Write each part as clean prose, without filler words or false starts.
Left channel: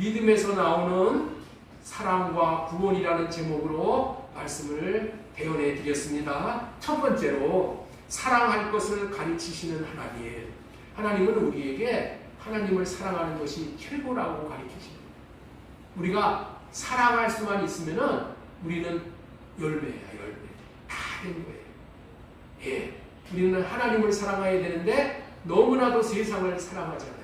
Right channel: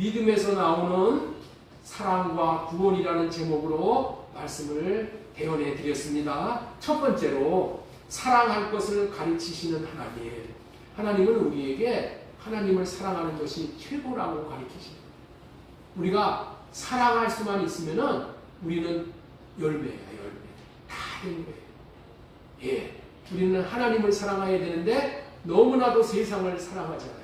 믿음에서 나오는 사랑과 구원이라는 제목으로 말씀을 대언해 드렸습니다. 첫 번째로 사랑할 것을 가르치시는 하나님. 하나님은 우리에게 하나님을 사랑하는 것이 최고라고 가르치십니다. 우리가 사랑할 수만 있으면은 우리는 열매야, 열매. 다 되는 거예요. 예. 우리는 하나님을 사랑해야 되는데 너무나도 세상을 사랑하잖아요.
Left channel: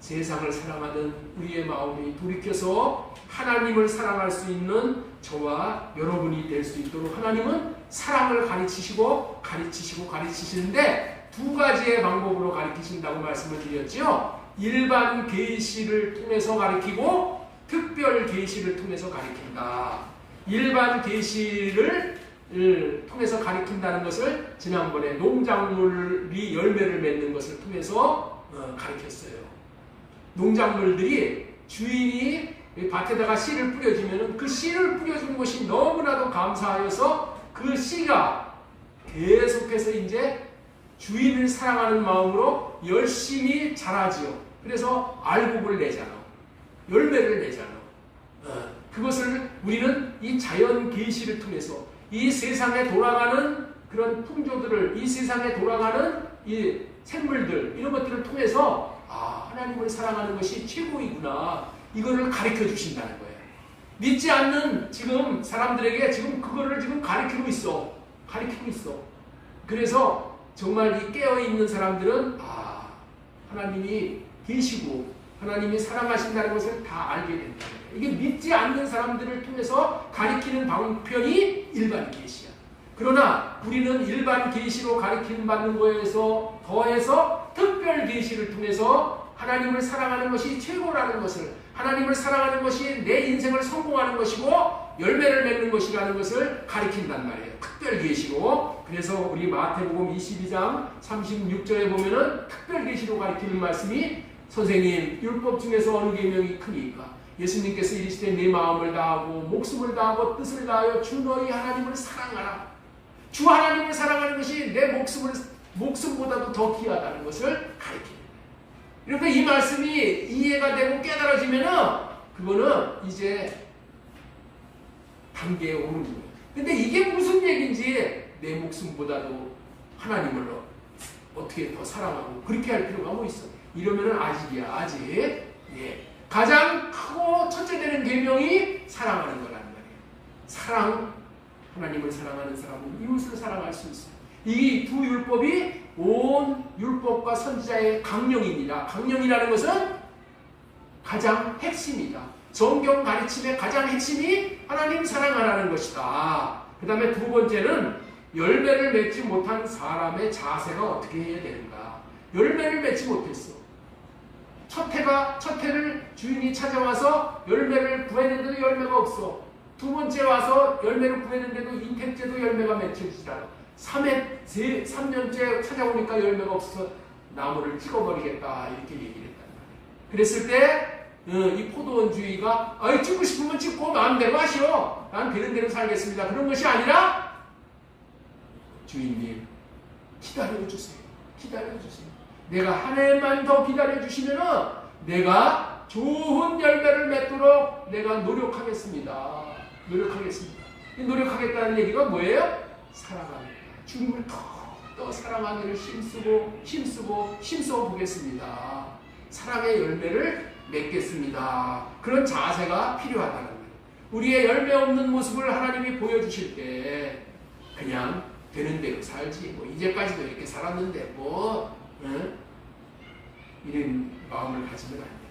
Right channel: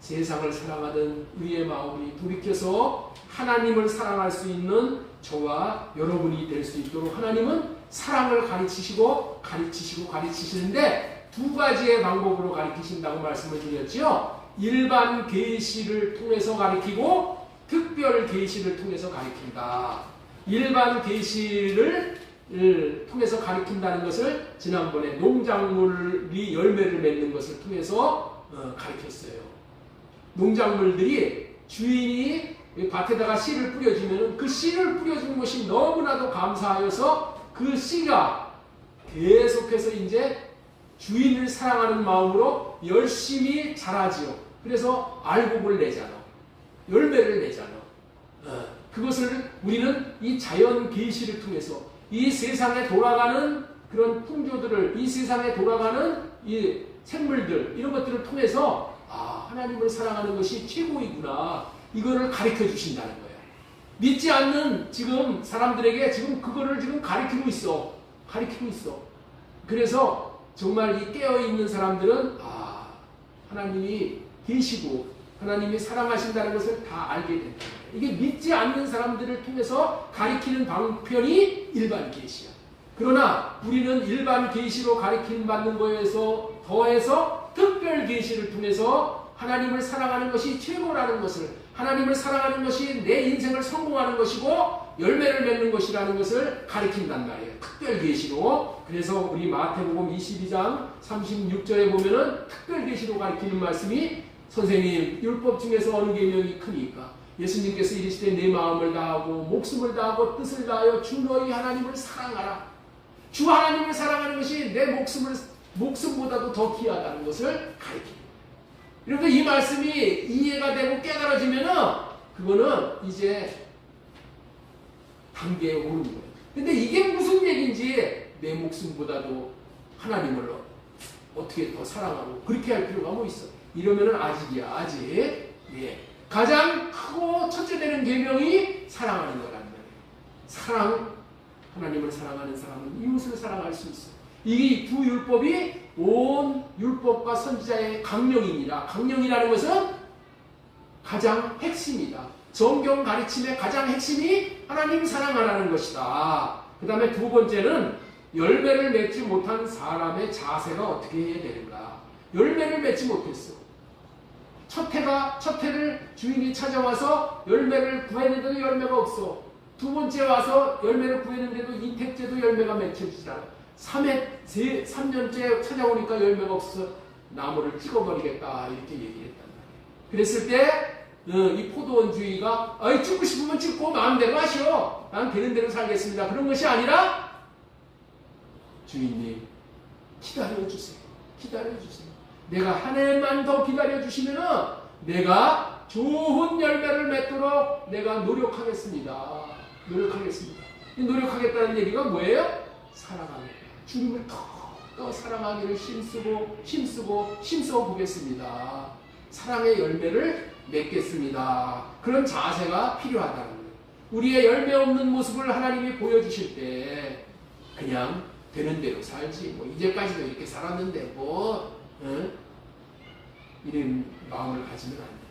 세상을 사랑하던 우리의 마음이 돌이켜서 하나님을 사랑할 수 있는 저와 여러분이 될 수 있도록 하나님은 사랑을 가르치시는데 두 가지의 방법으로 가르치신다고 말씀을 드렸죠. 일반 계시를 통해서 가르치고 특별 계시를 통해서 가르친다. 일반 계시를 통해서 가르친다는 것을 지난번에 농작물이 열매를 맺는 것을 통해서 가르쳤어요. 농작물들이 주인이 밭에다가 씨를 뿌려주면 그 씨를 뿌려준 것이 너무나도 감사하여서 그 씨가 계속해서 이제 주인을 사랑하는 마음으로 열심히 자라지요. 그래서 알곡을 내잖아. 열매를 내잖아. 그것을 우리는 이 자연 계시를 통해서 이 세상에 돌아가는 그런 풍조들을, 이 세상에 돌아가는 이 생물들, 이런 것들을 통해서 하나님을 사랑하는 것이 최고이구나. 이거를 가르쳐 주신다는 거예요. 믿지 않는 지금 사람들에게 지금 그거를 지금 가르치고 있어. 그래서 정말 이 깨어있는 사람들은 하나님이 계시고 하나님이 사랑하신다는 것을 다 알게 된다. 이게 믿지 않는 사람들을 통해서 가르치는 방편이 일반 계시야. 그러나 우리는 일반 계시로 가르침 받는 거에서 더해서 특별 계시를 통해서 하나님을 사랑하는 것이 최고라는 것을, 하나님을 사랑하는 것이 내 인생을 성공하는 것이고 열매를 맺는 것이라는 것을 가르친단 말이에요. 특별 계시로. 그래서 우리 마태복음 22장 36절에 보면은 특별 계시로 가르치는 말씀이 선생님, 율법 중에서 어느 계명이 크니까? 예수님께서 이르시되 내 마음을 다하고 목숨을 다하고 뜻을 다하여 주 너희 하나님을 사랑하라. 주 하나님을 사랑하는 것이 내 목숨보다도 더 귀하다는 것을 가르칩니다. 이렇게 이 말씀이 이해가 되고 깨달아지면은 그거는 이제 단계에 오르는 거예요. 근데 이게 무슨 얘기인지 내 목숨보다도 하나님을 어떻게 더 사랑하고 그렇게 할 필요가 뭐 있어? 이러면은 아직이야, 아직. 예. 가장 크고 첫째 되는 계명이 사랑하는 거라는 거예요. 하나님을 사랑하는 사람은 이웃을 사랑할 수 있어요. 이 두 율법이 온 율법과 선지자의 강령입니다. 강령이라는 것은 가장 핵심이다. 성경 가르침의 가장 핵심이 하나님 사랑하라는 것이다. 그 다음에 두 번째는 열매를 맺지 못한 사람의 자세가 어떻게 해야 되는가. 열매를 맺지 못했어. 첫 해를 주인이 찾아와서 열매를 구했는데도 열매가 없어. 두 번째 와서 열매를 구했는데도 인택제도 열매가 맺혀지지 않아. 3년째 찾아오니까 열매가 없어서 나무를 찍어버리겠다 이렇게 얘기를 했단 말이에요. 그랬을 때 이 포도원 주인가 찍고 싶으면 찍고 마음대로 하시오. 난 되는 대로 살겠습니다. 그런 것이 아니라 주인님 기다려주세요. 내가 한 해만 더 기다려주시면은 내가 좋은 열매를 맺도록 내가 노력하겠습니다. 이 노력하겠다는 얘기가 뭐예요? 사랑하는 거예요. 주님을 더 사랑하기를 힘써 보겠습니다. 사랑의 열매를 맺겠습니다. 그런 자세가 필요하다는 거예요. 우리의 열매 없는 모습을 하나님이 보여주실 때 그냥 되는 대로 살지. 이제까지도 이렇게 살았는데 이런 마음을 가지면 안 된다.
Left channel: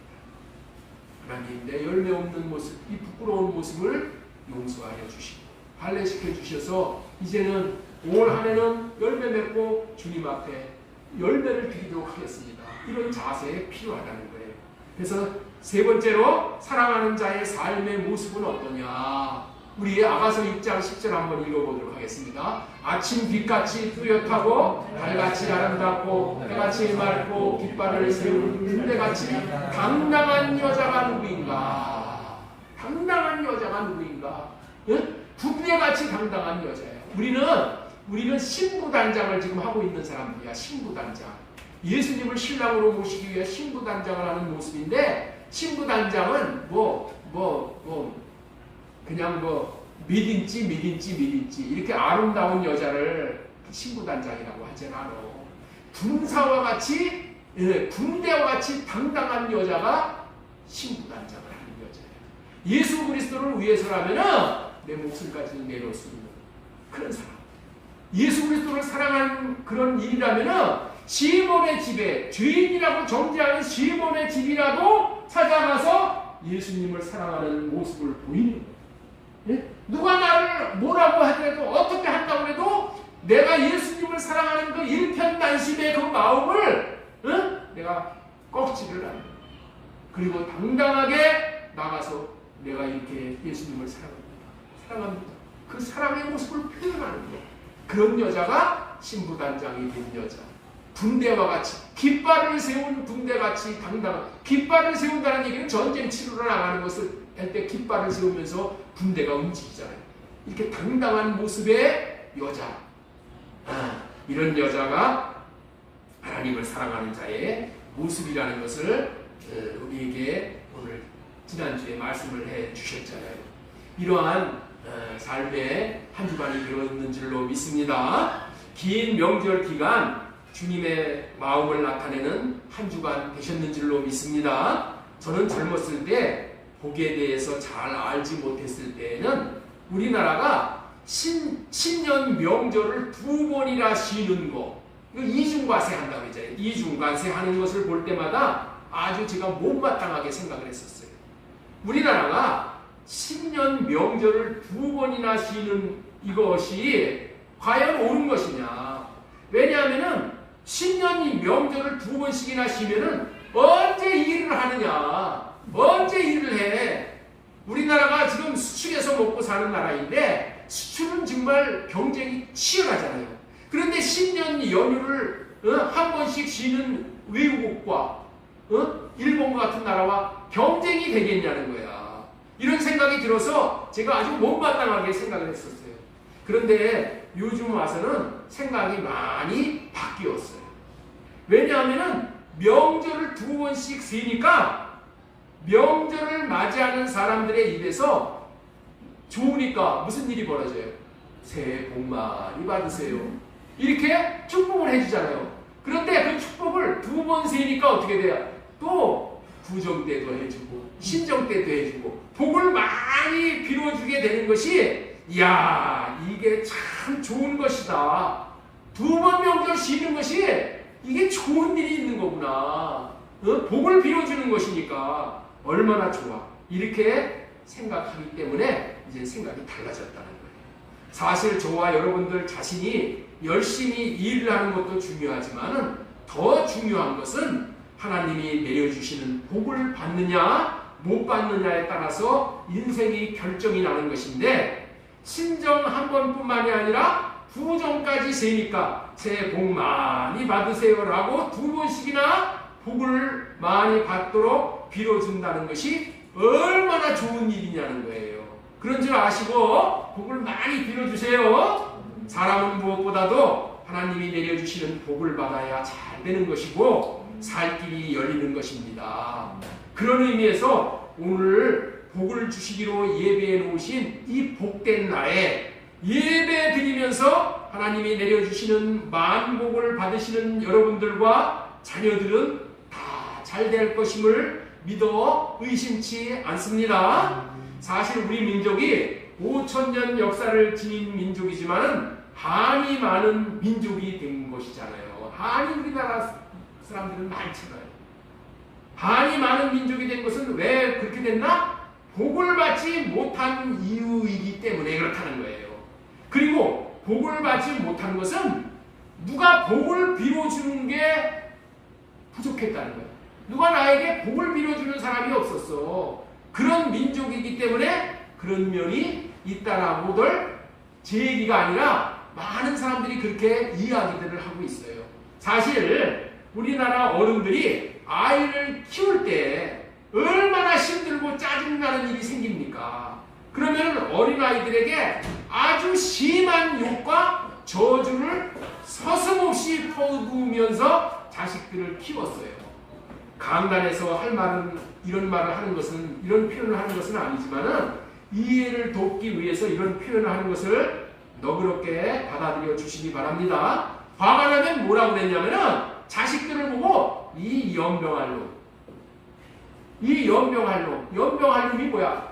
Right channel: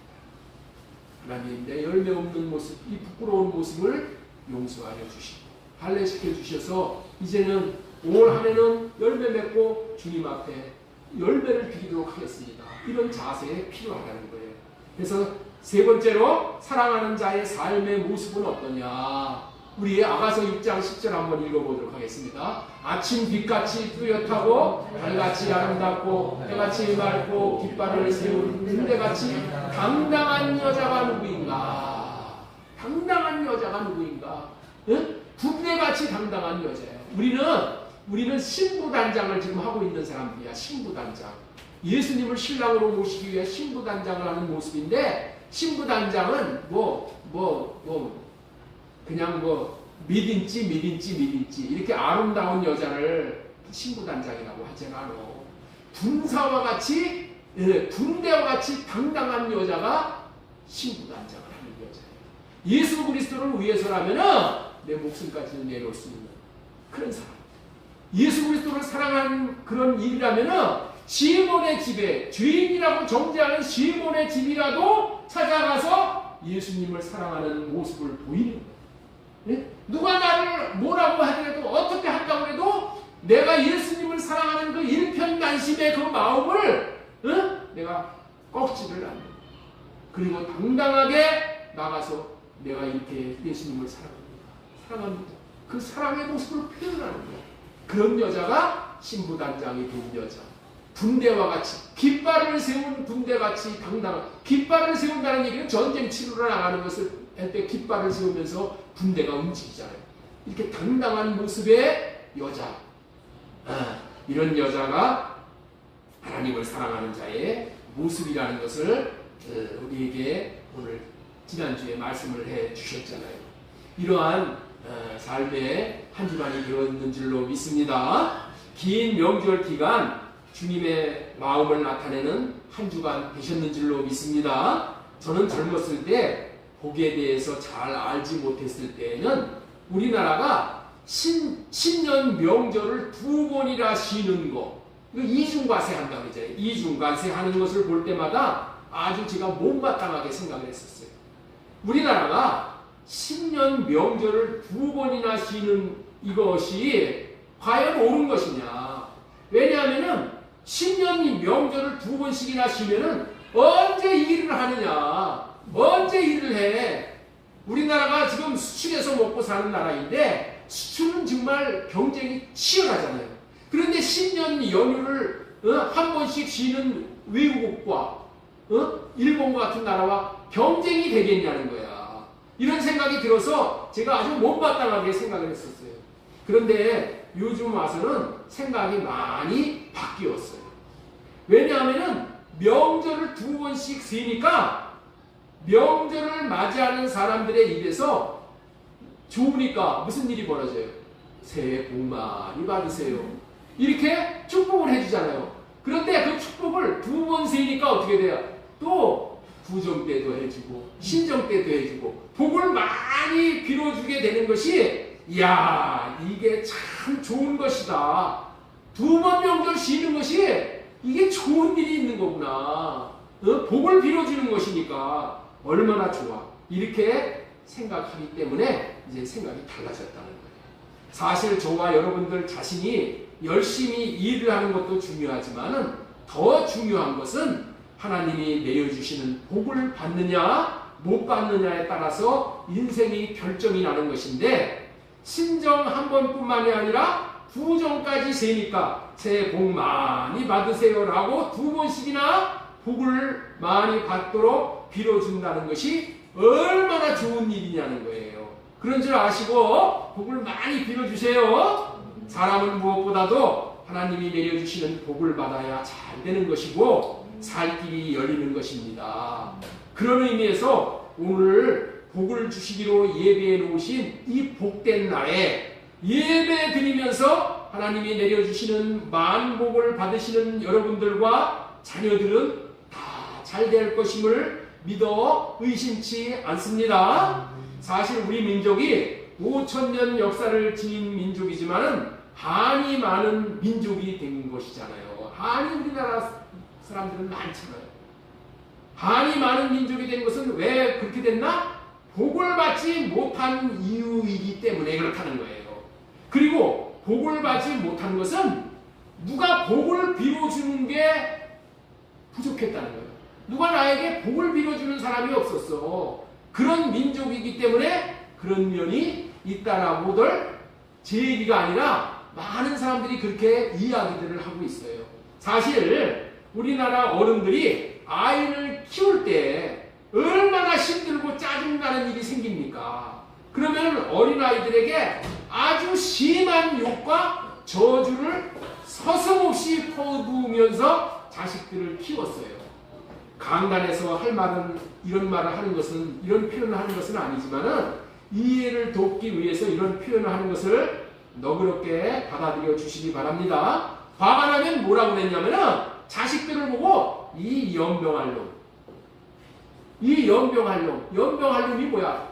하나님, 내 열매 없는 모습, 이 부끄러운 모습을 용서하여 주시고 발레시켜 주셔서 이제는 올 한 해는 열매 맺고 주님 앞에 열매를 드리도록 하겠습니다. 이런 자세에 필요하다는 거예요. 그래서 세 번째로 사랑하는 자의 삶의 모습은 어떠냐. 우리 아가서 6장 10절 한번 읽어보도록 하겠습니다. 아침 빛같이 뚜렷하고 달같이 아름답고 해같이 맑고 깃발을 세운 군대같이 당당한 여자가 누구인가? 군대같이 당당한 여자예요. 우리는 신부단장을 지금 하고 있는 사람들이야. 신부단장. 예수님을 신랑으로 모시기 위해 신부단장을 하는 모습인데 신부단장은 그냥 미딘지 이렇게 아름다운 여자를 신부단장이라고 하진 않아. 군사와 같이 군대와 같이 당당한 여자가 신부단장을 하는 여자예요. 예수 그리스도를 위해서라면은 내 목숨까지 내놓을 수 있는 그런 사람. 예수 그리스도를 사랑하는 그런 일이라면은 시몬의 집에 죄인이라고 정죄하는 시몬의 집이라도 찾아가서 예수님을 사랑하는 모습을 보이는 거예요. 네? 누가 나를 뭐라고 하더라도 어떻게 한다고 해도 내가 예수님을 사랑하는 그 일편단심의 그 마음을 내가 꺾지를 않아요. 그리고 당당하게 나가서 내가 이렇게 예수님을 사랑합니다. 그 사랑의 모습을 표현하는 거. 그런 여자가 신부단장이 된 여자. 군대와 같이 깃발을 세운 군대같이 당당한. 깃발을 세운다는 얘기는 전쟁 치르러 나가는 것을 할 때 깃발을 세우면서 군대가 움직이잖아요. 이렇게 당당한 모습의 여자. 이런 여자가 하나님을 사랑하는 자의 모습이라는 것을 우리에게 오늘 지난주에 말씀을 해 주셨잖아요. 이러한 삶의 한 주간이 되었는 줄로 믿습니다. 긴 명절 기간 주님의 마음을 나타내는 한 주간 되셨는 줄로 믿습니다. 저는 젊었을 때 복에 대해서 잘 알지 못했을 때에는 우리나라가 신년 명절을 2번이나 쉬는 거, 이중과세 한다고 그러잖아요. 이중과세 하는 것을 볼 때마다 아주 제가 못마땅하게 생각을 했었어요. 우리나라가 신년 명절을 2번이나 쉬는 이것이 과연 옳은 것이냐. 왜냐하면은 신년 명절을 2번씩이나 쉬면은 언제 일을 하느냐. 언제 일을 해. 우리나라가 지금 수출해서 먹고 사는 나라인데 수출은 정말 경쟁이 치열하잖아요. 그런데 신년 연휴를 한 번씩 쉬는 외국과 일본과 같은 나라와 경쟁이 되겠냐는 거야. 이런 생각이 들어서 제가 아주 못마땅하게 생각을 했었어요. 그런데 요즘 와서는 생각이 많이 바뀌었어요. 왜냐하면은 명절을 2번씩 쉬니까 명절을 맞이하는 사람들의 입에서 좋으니까 무슨 일이 벌어져요? 새해 복 많이 받으세요. 이렇게 축복을 해주잖아요. 그런데 그 축복을 2번 세니까 어떻게 돼요? 또 구정 때도 해주고 신정 때도 해주고 복을 많이 빌어주게 되는 것이 이야 이게 참 좋은 것이다. 2번 명절 쉬는 것이 이게 좋은 일이 있는 거구나. 복을 빌어주는 것이니까 얼마나 좋아. 이렇게 생각하기 때문에 이제 생각이 달라졌다는 거예요. 사실 저와 여러분들 자신이 열심히 일을 하는 것도 중요하지만 더 중요한 것은 하나님이 내려주시는 복을 받느냐 못 받느냐에 따라서 인생이 결정이 나는 것인데 신정 한 번뿐만이 아니라 구정까지 세니까 새해 복 많이 받으세요 라고 2번씩이나 복을 많이 받도록 빌어준다는 것이 얼마나 좋은 일이냐는 거예요. 그런 줄 아시고 복을 많이 빌어주세요. 사람은 무엇보다도 하나님이 내려주시는 복을 받아야 잘 되는 것이고 살 길이 열리는 것입니다. 그런 의미에서 오늘 복을 주시기로 예배해 놓으신 이 복된 날에 예배 드리면서 하나님이 내려주시는 만복을 받으시는 여러분들과 자녀들은 다 잘 될 것임을 믿어 의심치 않습니다. 사실 우리 민족이 5,000년 역사를 지닌 민족이지만은 한이 많은 민족이 된 것이잖아요. 한이 우리나라 사람들은 많잖아요. 한이 많은 민족이 된 것은 왜 그렇게 됐나? 복을 받지 못한 이유이기 때문에 그렇다는 거예요. 그리고 복을 받지 못한 것은 누가 복을 빌어주는 게 부족했다는 거예요. 누가 나에게 복을 빌어주는 사람이 없었어. 그런 민족이기 때문에 그런 면이 있다라고들 제 얘기가 아니라 많은 사람들이 그렇게 이야기들을 하고 있어요. 사실 우리나라 어른들이 아이를 키울 때 얼마나 힘들고 짜증나는 일이 생깁니까? 그러면 어린아이들에게 아주 심한 욕과 저주를 서슴없이 퍼부으면서 자식들을 키웠어요. 강단에서 할 말은 이런 말을 하는 것은 이런 표현을 하는 것은 아니지만은 이해를 돕기 위해서 이런 표현을 하는 것을 너그럽게 받아들여 주시기 바랍니다. 화가 나면 뭐라고 그랬냐면은 자식들을 보고 이 연병할 놈, 이 연병할 놈, 연병할 놈이 뭐야?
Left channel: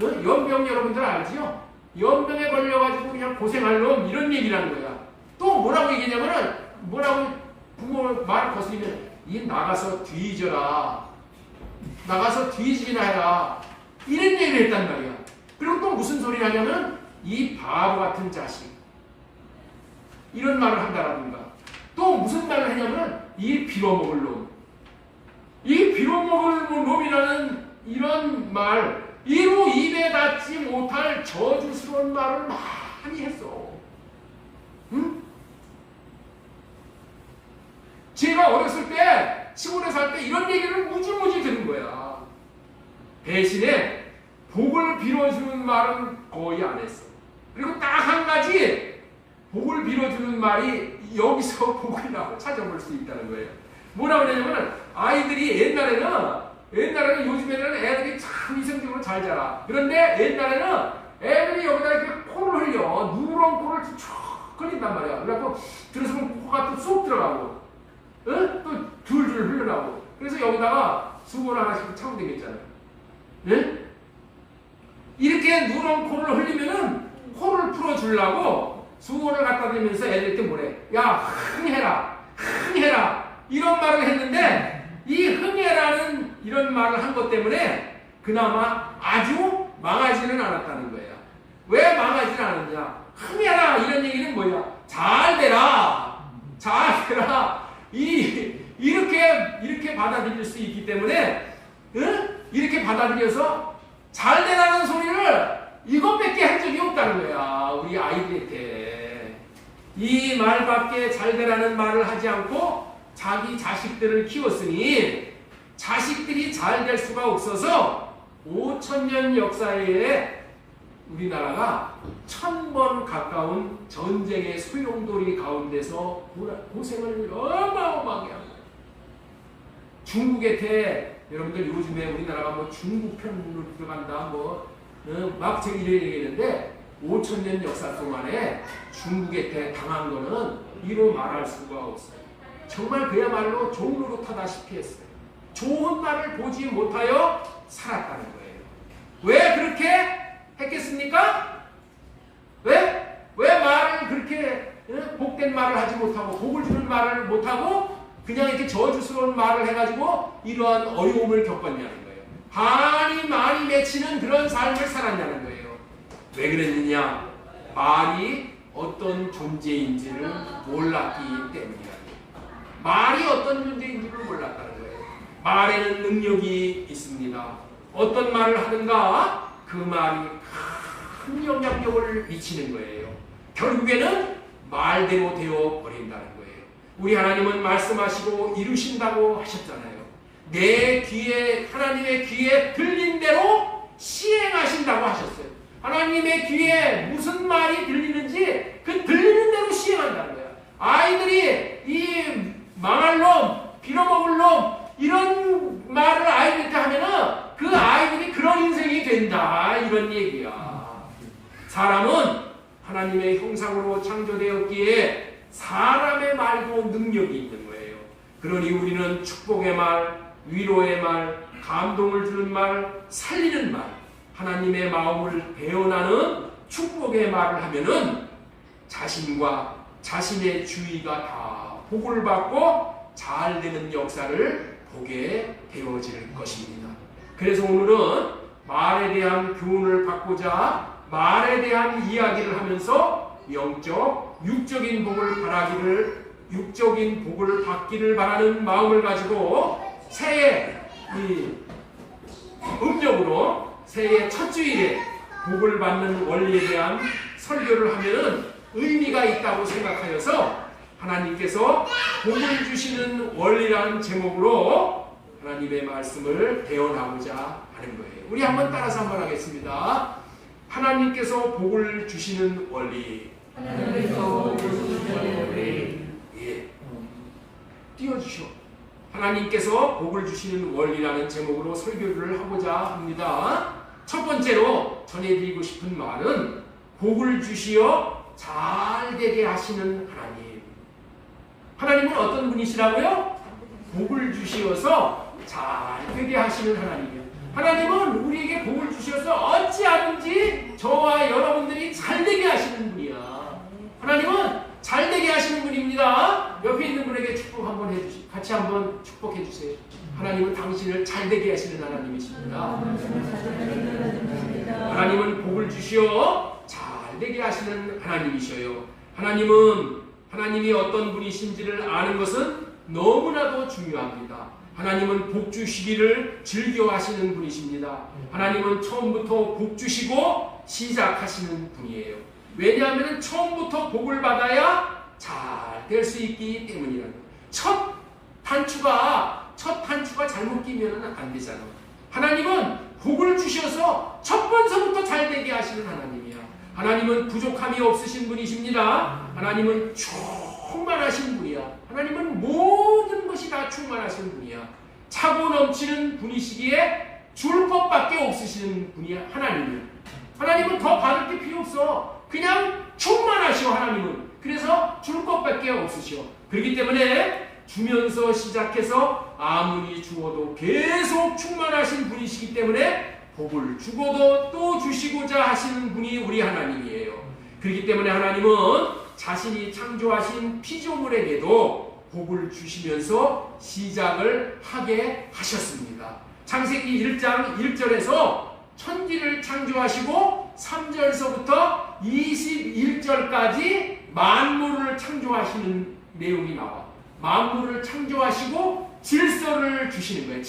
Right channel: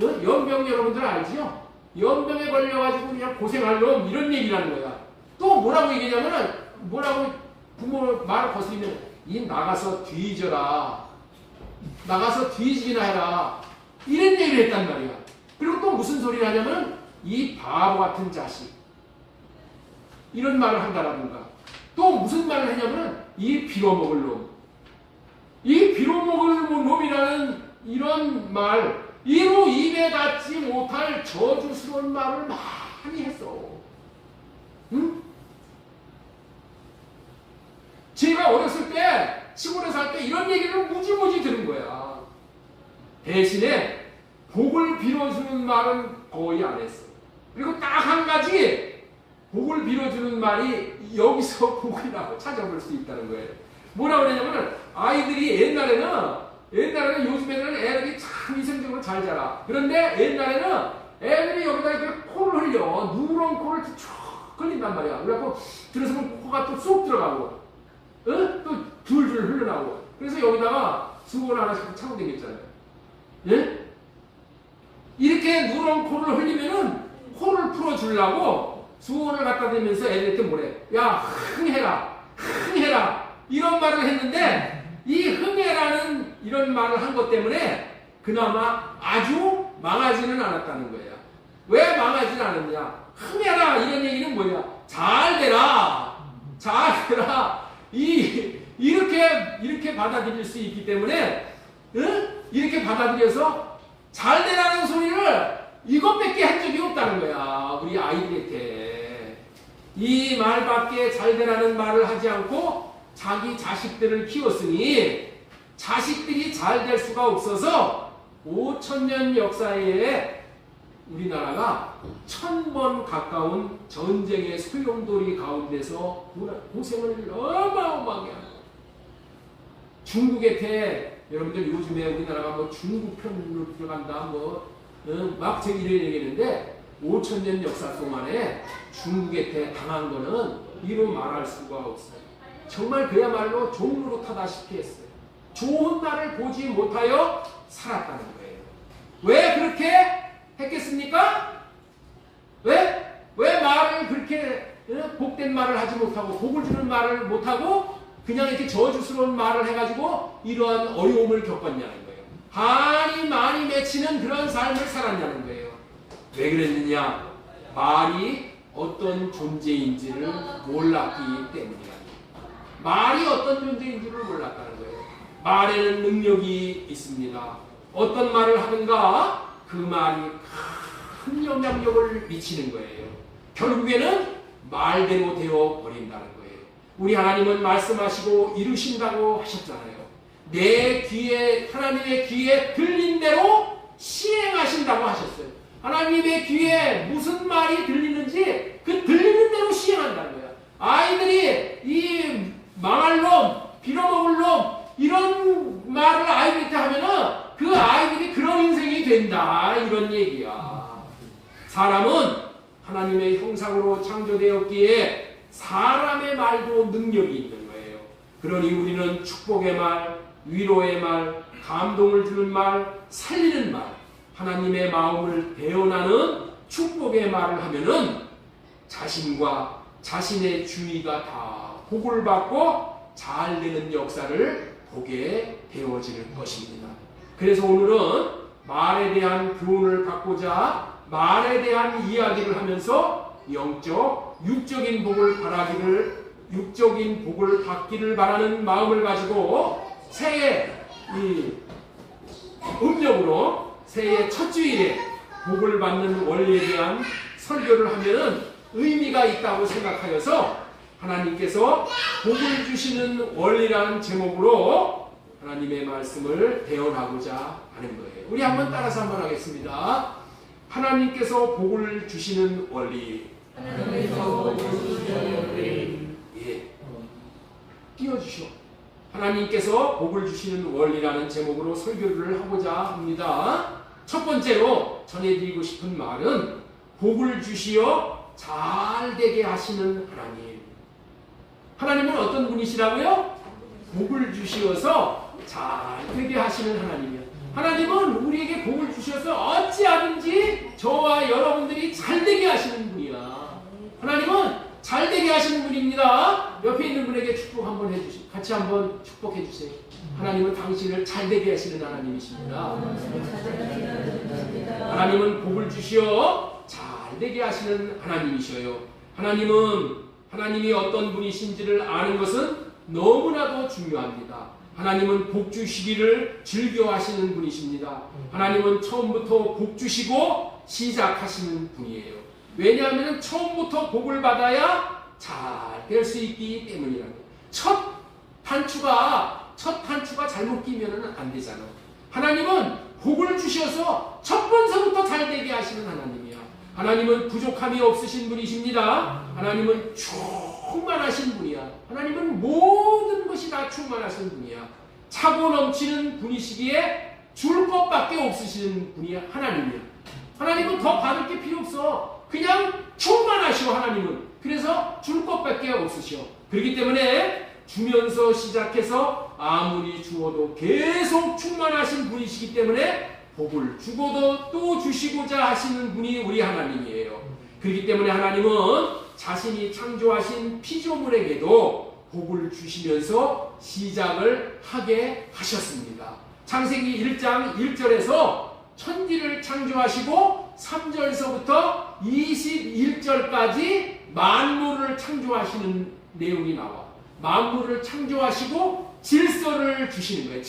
연병 여러분들 알지요? 연병에 걸려가지고 그냥 고생할 놈 이런 얘기라는 거야. 또 뭐라고 얘기냐면은 뭐라고 부모 말을 거스리면 이 나가서 뒤져라, 나가서 뒤지기나 해라 이런 얘기를 했단 말이야. 그리고 또 무슨 소리를 하냐면 이 바보 같은 자식 이런 말을 한다라든가 또 무슨 말을 하냐면 이 빌어먹을 놈, 이 빌어먹을 놈이라는 이런 말, 이로 입에 닿지 못할 저주스러운 말을 많이 했어. 응? 제가 어렸을 때 시골에 살 때 이런 얘기를 무지무지 들은 거야. 대신에 복을 빌어주는 말은 거의 안 했어. 그리고 딱 한 가지 복을 빌어주는 말이 여기서 복이라고 찾아볼 수 있다는 거예요. 뭐라고 그러냐면 아이들이 옛날에는 요즘에는 애들이 참 이성적으로 잘 자라. 그런데 옛날에는 애들이 여기다 이렇게 코를 흘려. 누런 코를 쭉 흘린단 말이야. 그래갖고 들어서면 코가 또 쏙 들어가고 또 줄줄 흘러나오고. 그래서 여기다가 수건을 하나씩 차고 되겠잖아요. 예? 이렇게 누런 코를 흘리면은 코를 풀어주려고 수건을 갖다 대면서 애들한테 뭐래? 야, 흥해라, 흥해라 이런 말을 했는데 이 흥해라는 이런 말을 한 것 때문에 그나마 아주 망하지는 않았다는 거예요. 왜 망하지는 않았냐? 흥해라 이런 얘기는 뭐야? 잘 되라, 잘 되라. 이렇게 받아들일 수 있기 때문에 이렇게 받아들여서 잘 되라는 소리를 이것밖에 한 적이 없다는 거야. 우리 아이들한테 이 말밖에 잘 되라는 말을 하지 않고 자기 자식들을 키웠으니 자식들이 잘 될 수가 없어서 5,000년 역사에 우리나라가 1,000번 가까운 전쟁의 소용돌이 가운데서 고생을 어마어마하게 하고 중국한테 여러분들 요즘에 우리나라가 뭐 중국 편으로 들어간다 막 제가 이래 얘기했는데 5,000년 역사 동안에 중국한테 당한 거는 이로 말할 수가 없어요. 정말 그야말로 종로로 타다시피 했어요. 좋은 날을 보지 못하여 살았다는 거예요. 왜 그렇게 했겠습니까? 왜 말을 그렇게 복된 말을 하지 못하고 복을 주는 말을 못하고 그냥 이렇게 저주스러운 말을 해가지고 이러한 어려움을 겪었냐는 거예요. 한이 많이 맺히는 그런 삶을 살았냐는 거예요. 왜 그랬느냐? 말이 어떤 존재인지를 몰랐기 때문이야. 말이 어떤 존재인지를 몰랐다는 거예요. 말에는 능력이 있습니다. 어떤 말을 하는가? 그 말이 큰 영향력을 미치는 거예요. 결국에는 말대로 되어 버린다는 거예요. 우리 하나님은 말씀하시고 이루신다고 하셨잖아요. 내 귀에, 하나님의 귀에 들린 대로 시행하신다고 하셨어요. 하나님의 귀에 무슨 말이 들리는지 그 들리는 대로 시행한다는 거예요. 아이들이 이 망할 놈, 빌어먹을 놈 이런 말을 아이들한테 하면은 그 아이들이 그런 인생이 된다 이런 얘기야. 사람은 하나님의 형상으로 창조되었기에 사람의 말도 능력이 있는 거예요. 그러니 우리는 축복의 말, 위로의 말, 감동을 주는 말, 살리는 말, 하나님의 마음을 배어나는 축복의 말을 하면은 자신과 자신의 주위가 다 복을 받고 잘 되는 역사를 보게 되어질 것입니다. 그래서 오늘은 말에 대한 교훈을 받고자 말에 대한 이야기를 하면서 영적, 육적인 복을 육적인 복을 받기를 바라는 마음을 가지고 새해 이 음력으로 새해 첫 주일에 복을 받는 원리에 대한 설교를 하면은 의미가 있다고 생각하여서 하나님께서 복을 주시는 원리라는 제목으로 하나님의 말씀을 대언하고자 하는 거예요. 우리 한번 따라서 한번 하겠습니다. 하나님께서 복을 주시는 원리. 하나님께서 복을 주시는 원리. 예. 띄워주시오. 하나님께서 복을 주시는 원리라는 제목으로 설교를 하고자 합니다. 첫 번째로 전해드리고 싶은 말은 복을 주시어 잘되게 하시는 하나님. 하나님은 어떤 분이시라고요? 복을 주시어서 잘되게 하시는 하나님이요. 하나님은 우리에게 복을 주셔서 어찌하든지 저와 여러분들이 잘되게 하시는 분이야. 하나님은 잘되게 하시는 분입니다. 옆에 있는 분에게 축복 한번 해주세요. 같이 한번 축복해 주세요. 하나님은 당신을 잘되게 하시는 하나님이십니다. 하나님은 복을 주시어 잘되게 하시는 하나님이셔요. 하나님이 어떤 분이신지를 아는 것은 너무나도 중요합니다. 하나님은 복 주시기를 즐겨하시는 분이십니다. 하나님은 처음부터 복 주시고 시작하시는 분이에요. 왜냐하면 처음부터 복을 받아야 잘 될 수 있기 때문이라는 거예요. 첫 단추가 잘못 끼면 안 되잖아. 하나님은 복을 주셔서 첫 번서부터 잘 되게 하시는 하나님이야. 하나님은 부족함이 없으신 분이십니다. 하나님은 충만하신 분이야. 하나님은 모든 것이 다 충만하신 분이야. 차고 넘치는 분이시기에 줄 것밖에 없으신 분이 하나님이야. 하나님은 더 받을 게 필요 없어. 그냥 충만하시오. 하나님은. 그래서 줄 것밖에 없으시오. 그렇기 때문에 주면서 시작해서 아무리 주어도 계속 충만하신 분이시기 때문에 복을 주고도 또 주시고자 하시는 분이 우리 하나님이에요. 그렇기 때문에 하나님은 자신이 창조하신 피조물에게도 복을 주시면서 시작을 하게 하셨습니다. 창세기 1장 1절에서 천지를 창조하시고 3절서부터 21절까지 만물을 창조하시는 내용이 나와요. 만물을 창조하시고 질서를 주시는 거예요.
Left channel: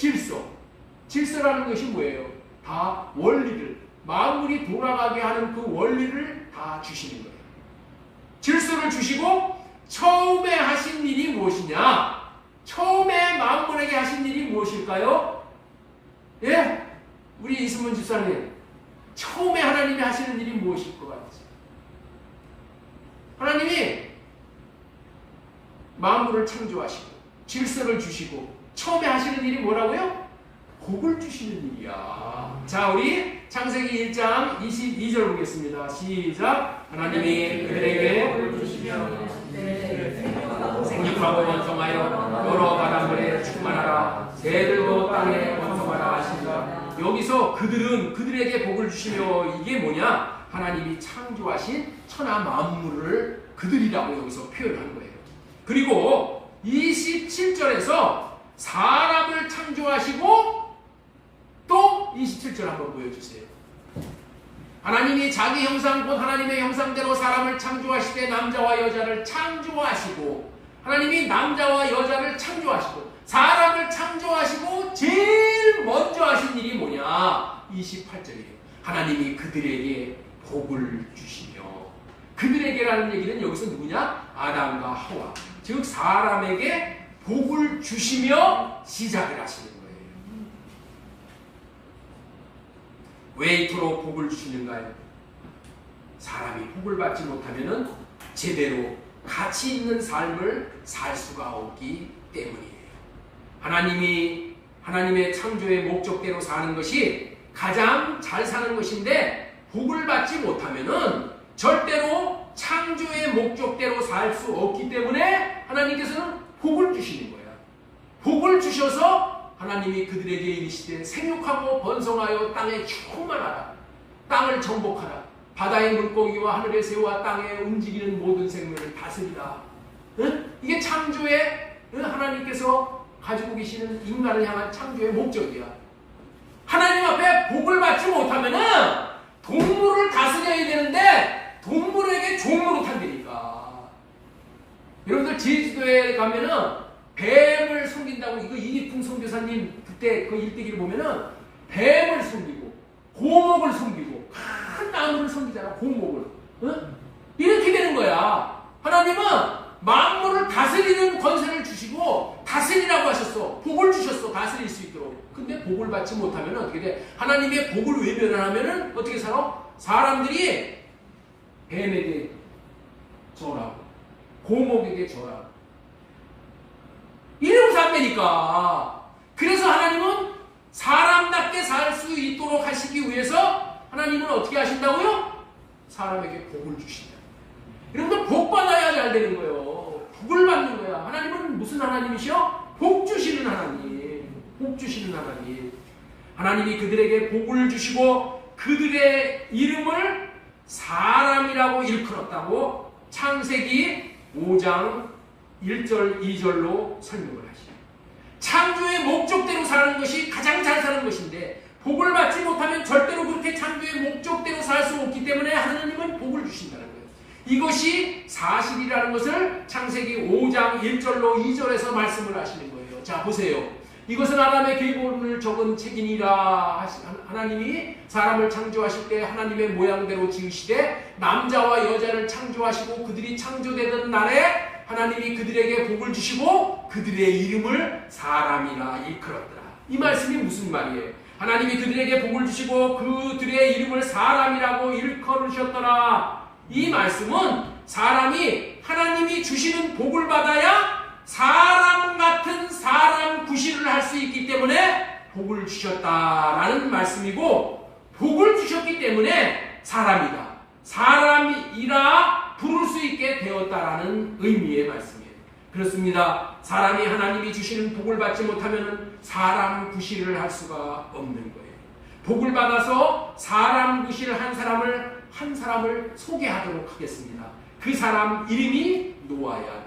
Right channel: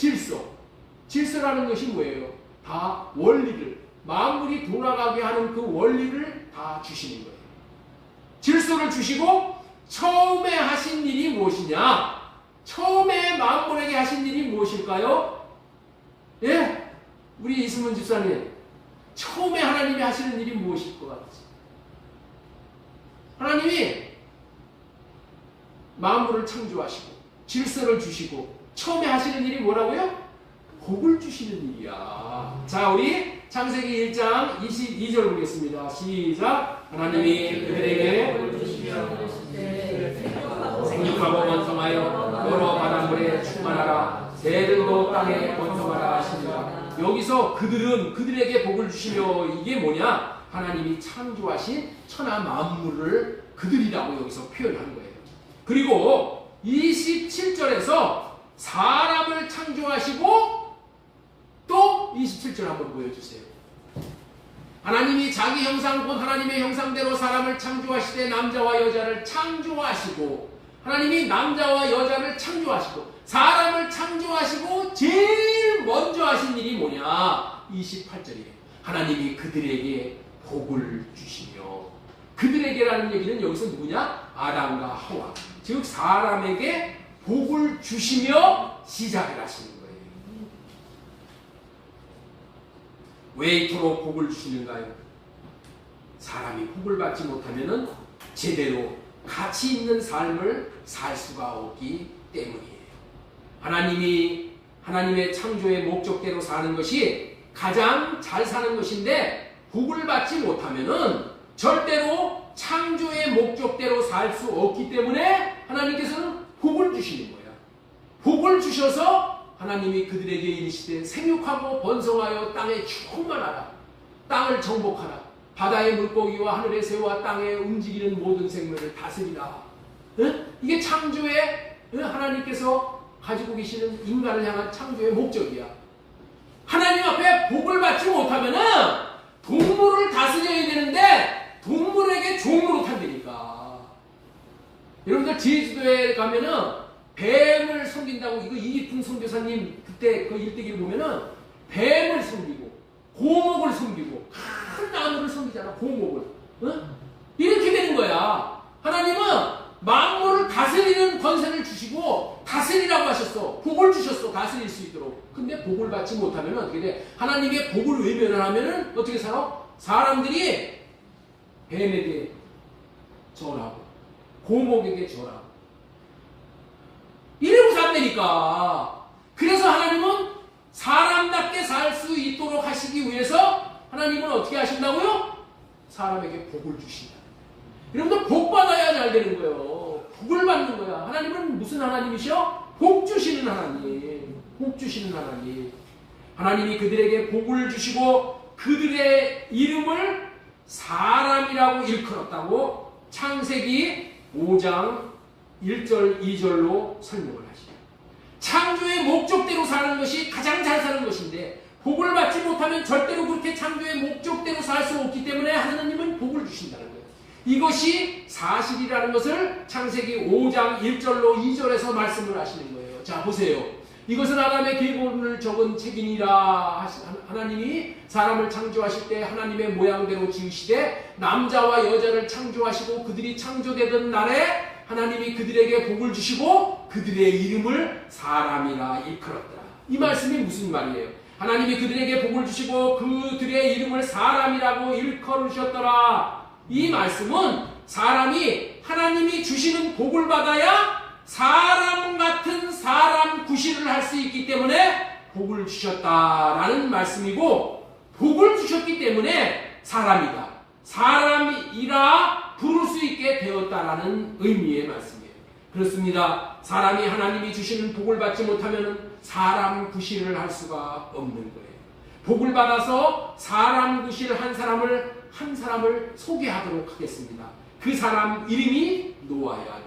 질서라는 것이 뭐예요? 다 원리를, 만물이 돌아가게 하는 그 원리를 다 주시는 거예요. 질서를 주시고 처음에 하신 일이 무엇이냐? 처음에 만물에게 하신 일이 무엇일까요? 예? 우리 이승문 집사님, 처음에 하나님이 하시는 일이 무엇일 것 같으세요? 하나님이 만물을 창조하시고 질서를 주시고 처음에 하시는 일이 뭐라고요? 복을 주시는 일이야. 자, 우리 창세기 1장 22절 보겠습니다. 시작. 하나님이 그들에게 복을 주시며 생육하고 번성하여 여러 바다들에 충만하라. 새들도 땅에 번성하라 하시니라. 여기서 그들에게 복을 주시며 이게 뭐냐? 하나님이 창조하신 천하 만물을 그들이라고 여기서 표현한 거예요. 그리고 27절에서 사람을 창조하시고 또 27절 한번 보여주세요. 하나님이 자기 형상 곧 하나님의 형상대로 사람을 창조하시되 남자와 여자를 창조하시고, 하나님이 남자와 여자를 창조하시고 사람을 창조하시고 제일 먼저 하신 일이 뭐냐? 28절이에요. 하나님이 그들에게 복을 주시며, 그들에게라는 얘기는 여기서 누구냐? 아담과 하와, 즉 사람에게 복을 주시며 시작을 하시는 거예요. 왜 이토록 복을 주시는가요? 사람이 복을 받지 못하면 제대로 가치 있는 삶을 살 수가 없기 때문이에요. 하나님의 창조의 목적대로 사는 것이 가장 잘 사는 것인데, 복을 받지 못하면 절대로 창조의 목적대로 살 수 없기 때문에 하나님께서는 복을 주시는 거예요. 복을 주셔서 하나님이 그들에게 이르시되 생육하고 번성하여 땅에 충만하라. 땅을 정복하라. 바다의 물고기와 하늘의 새와 땅에 움직이는 모든 생명을 다스리라. 이게 창조의 하나님께서 가지고 계시는 인간을 향한 창조의 목적이야. 하나님 앞에 복을 받지 못하면은 동물을 다스려야 되는데 동물에게 종으로 탄다니까. 여러분들 제주도에 가면은 뱀을 섬긴다고, 이거 이기풍 선교사님 그때 그 일대기를 보면은 뱀을 섬기고 고목을 섬기고 큰 나무를 섬기잖아. 고목을. 이렇게 되는 거야. 하나님은 만물을 다스리는 권세를 주시고 다스리라고 하셨어. 복을 주셨어. 다스릴 수 있도록. 근데 복을 받지 못하면 어떻게 돼? 하나님의 복을 외면을 하면은 어떻게 살아? 사람들이 뱀에게 절하고 고목에게 절하고 이러고서 안 되니까. 그래서 하나님은 사람답게 살 수 있도록 하시기 위해서 하나님은 어떻게 하신다고요? 사람에게 복을 주신다. 여러분들 복 받아야 잘 되는 거예요. 복을 받는 거야. 하나님은 무슨 하나님이셔? 복 주시는 하나님. 복 주시는 하나님. 하나님이 그들에게 복을 주시고 그들의 이름을 사람이라고 일컬었다고 창세기 5장 1절 2절로 설명을 하시죠. 창조의 목적대로 사는 것이 가장 잘 사는 것인데 복을 받지 못하면 절대로 그렇게 창조의 목적대로 살 수 없기 때문에 하나님은 복을 주신다는 거예요. 이것이 사실이라는 것을 창세기 5장 1절로 2절에서 말씀을 하시는 거예요. 자, 보세요. 이것은 아담의 계보를 적은 책이니라. 하나님이 사람을 창조하실 때 하나님의 모양대로 지으시되 남자와 여자를 창조하시고 그들이 창조되던 날에 하나님이 그들에게 복을 주시고 그들의 이름을 사람이라 일컬었더라. 이 말씀이 무슨 말이에요? 하나님이 그들에게 복을 주시고 그들의 이름을 사람이라고 일컬으셨더라. 이 말씀은 사람이 하나님이 주시는 복을 받아야 사람 같은 사람 구실을 할 수 있기 때문에 복을 주셨다라는 말씀이고, 복을 주셨기 때문에 사람이다, 사람이라 부를 수 있게 되었다라는 의미의 말씀이에요. 그렇습니다. 사람이 하나님이 주시는 복을 받지 못하면 사람 구실을 할 수가 없는 거예요. 복을 받아서 사람 구실을 한 사람을 소개하도록 하겠습니다. 그 사람 이름이 노아야.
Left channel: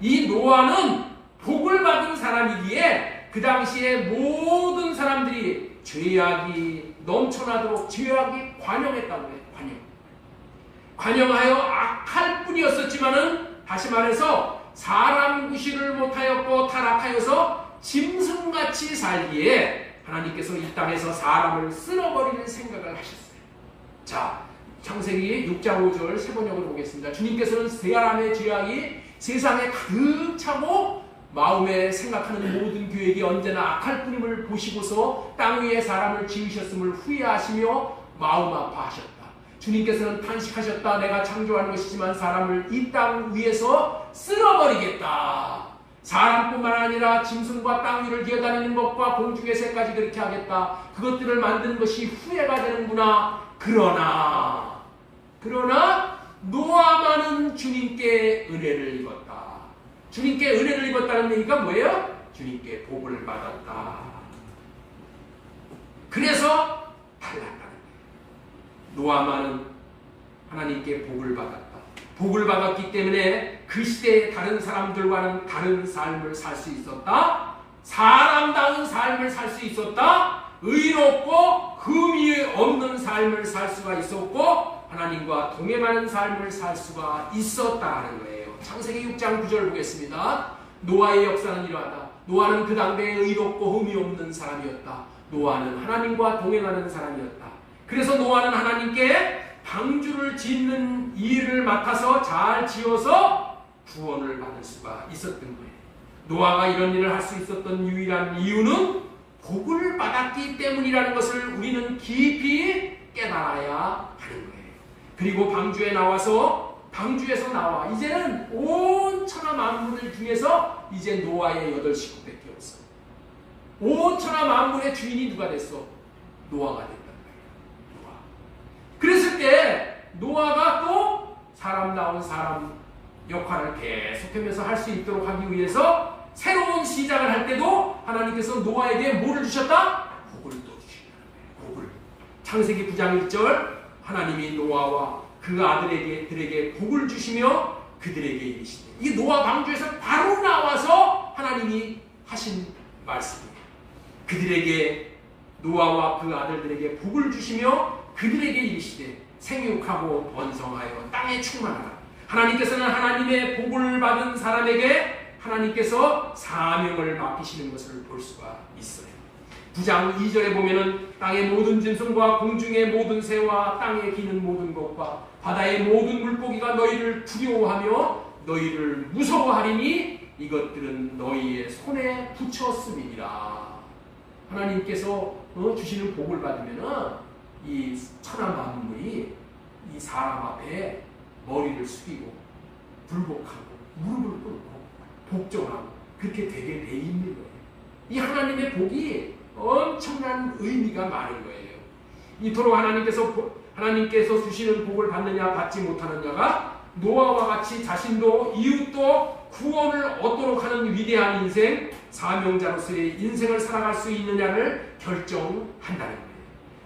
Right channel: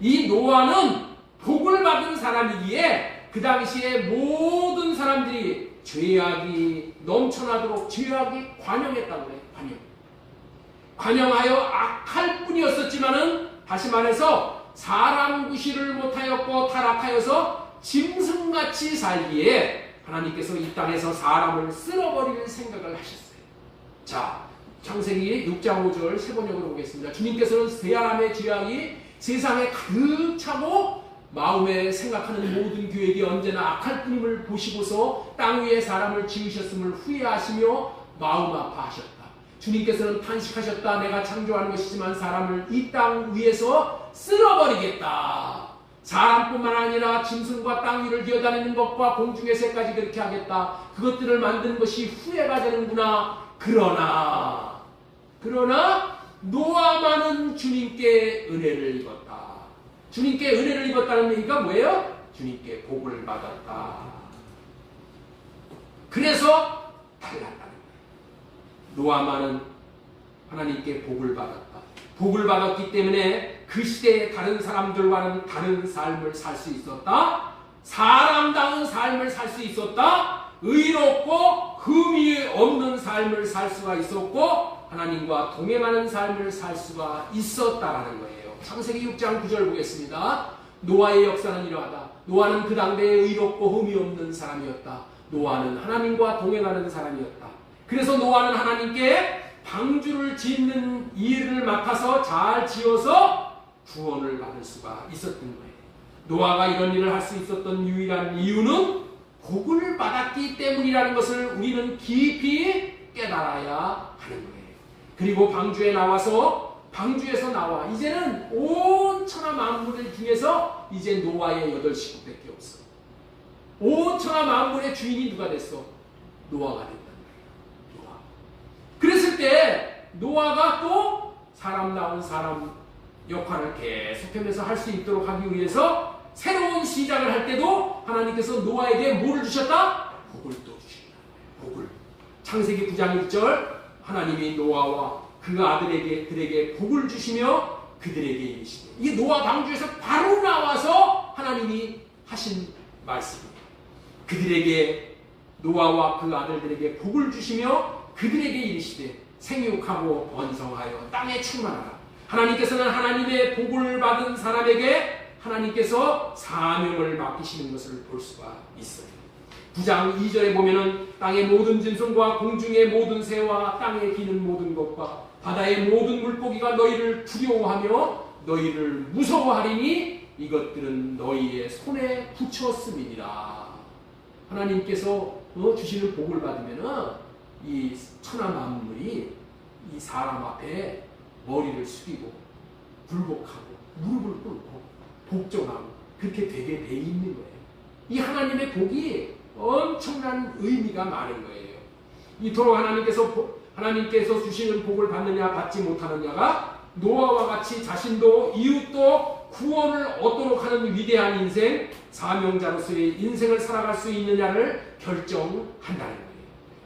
이 노아는 복을 받은 사람이기에 그 당시에 모든 사람들이 죄악이 넘쳐나도록 죄악이 관영했다고 해요. 관영하여 악할 뿐이었었지만은, 다시 말해서 사람 구실을 못하였고 타락하여서 짐승같이 살기에 하나님께서 이 땅에서 사람을 쓸어버리는 생각을 하셨어요. 자, 창세기 6장 5절 세 번역으로 보겠습니다. 주님께서는 사람의 죄악이 세상에 가득 차고 마음에 생각하는 모든 계획이 언제나 악할 뿐임을 보시고서 땅 위에 사람을 지으셨음을 후회하시며 마음 아파하셨다. 주님께서는 탄식하셨다. 내가 창조하는 것이지만 사람을 이 땅 위에서 쓸어버리겠다. 사람뿐만 아니라 짐승과 땅 위를 기어다니는 것과 공중의 새까지 그렇게 하겠다. 그것들을 만드는 것이 후회가 되는구나. 그러나 노아만은 주님께 은혜를 입었다. 주님께 은혜를 입었다는 얘기가 뭐예요? 주님께 복을 받았다. 그래서 달랐다는 거예요. 노아만은 하나님께 복을 받았다. 복을 받았기 때문에 그 시대의 다른 사람들과는 다른 삶을 살 수 있었다. 사람다운 삶을 살 수 있었다. 의롭고 흠이 없는 삶을 살 수가 있었고 하나님과 동행하는 삶을 살 수가 있었다는 거예요. 창세기 6장 9절 보겠습니다. 노아의 역사는 이러하다. 노아는 그 당대에 의롭고 흠이 없는 사람이었다. 노아는 하나님과 동행하는 사람이었다. 그래서 노아는 하나님께 방주를 짓는 일을 맡아서 잘 지어서 구원을 받을 수가 있었던 거예요. 노아가 이런 일을 할 수 있었던 유일한 이유는 복을 받았기 때문이라는 것을 우리는 깊이 깨달아야 하는 거예요. 그리고 방주에서 나와 이제는 온 천하 만물 중에서 이제 노아의 8식구밖에 없어. 온 천하 만물의 주인이 누가 됐어? 노아가 됐다는 거예요. 노아. 그랬을 때 노아가 또 사람다운 사람 역할을 계속하면서 할 수 있도록 하기 위해서 새로운 시작을 할 때도 하나님께서 노아에게 뭐를 주셨다? 복을 또 주신다. 복을. 창세기 9장 1절 하나님이 노아와 그 아들에게 복을 주시며 그들에게 이르시되, 이게 노아 방주에서 바로 나와서 하나님이 하신 말씀이에요. 그들에게, 노아와 그 아들들에게 복을 주시며 그들에게 이르시되 생육하고 번성하여 땅에 충만하라. 하나님께서는 하나님의 복을 받은 사람에게 하나님께서 사명을 맡기시는 것을 볼 수가 있어요. 9장 2절에 보면은 땅의 모든 짐승과 공중의 모든 새와 땅에 기는 모든 것과 바다의 모든 물고기가 너희를 두려워하며 너희를 무서워하리니 이것들은 너희의 손에 붙였음이니라. 하나님께서 주시는 복을 받으면은 이 천하 만물이 이 사람 앞에 머리를 숙이고 굴복하고 무릎을 꿇고 복종하고 그렇게 되게 돼 있는 거예요. 이 하나님의 복이 엄청난 의미가 많은 거예요. 이토록 하나님께서 주시는 복을 받느냐 받지 못하느냐가 노아와 같이 자신도 이웃도 구원을 얻도록 하는 위대한 인생, 사명자로서의 인생을 살아갈 수 있느냐를 결정한다는 거예요.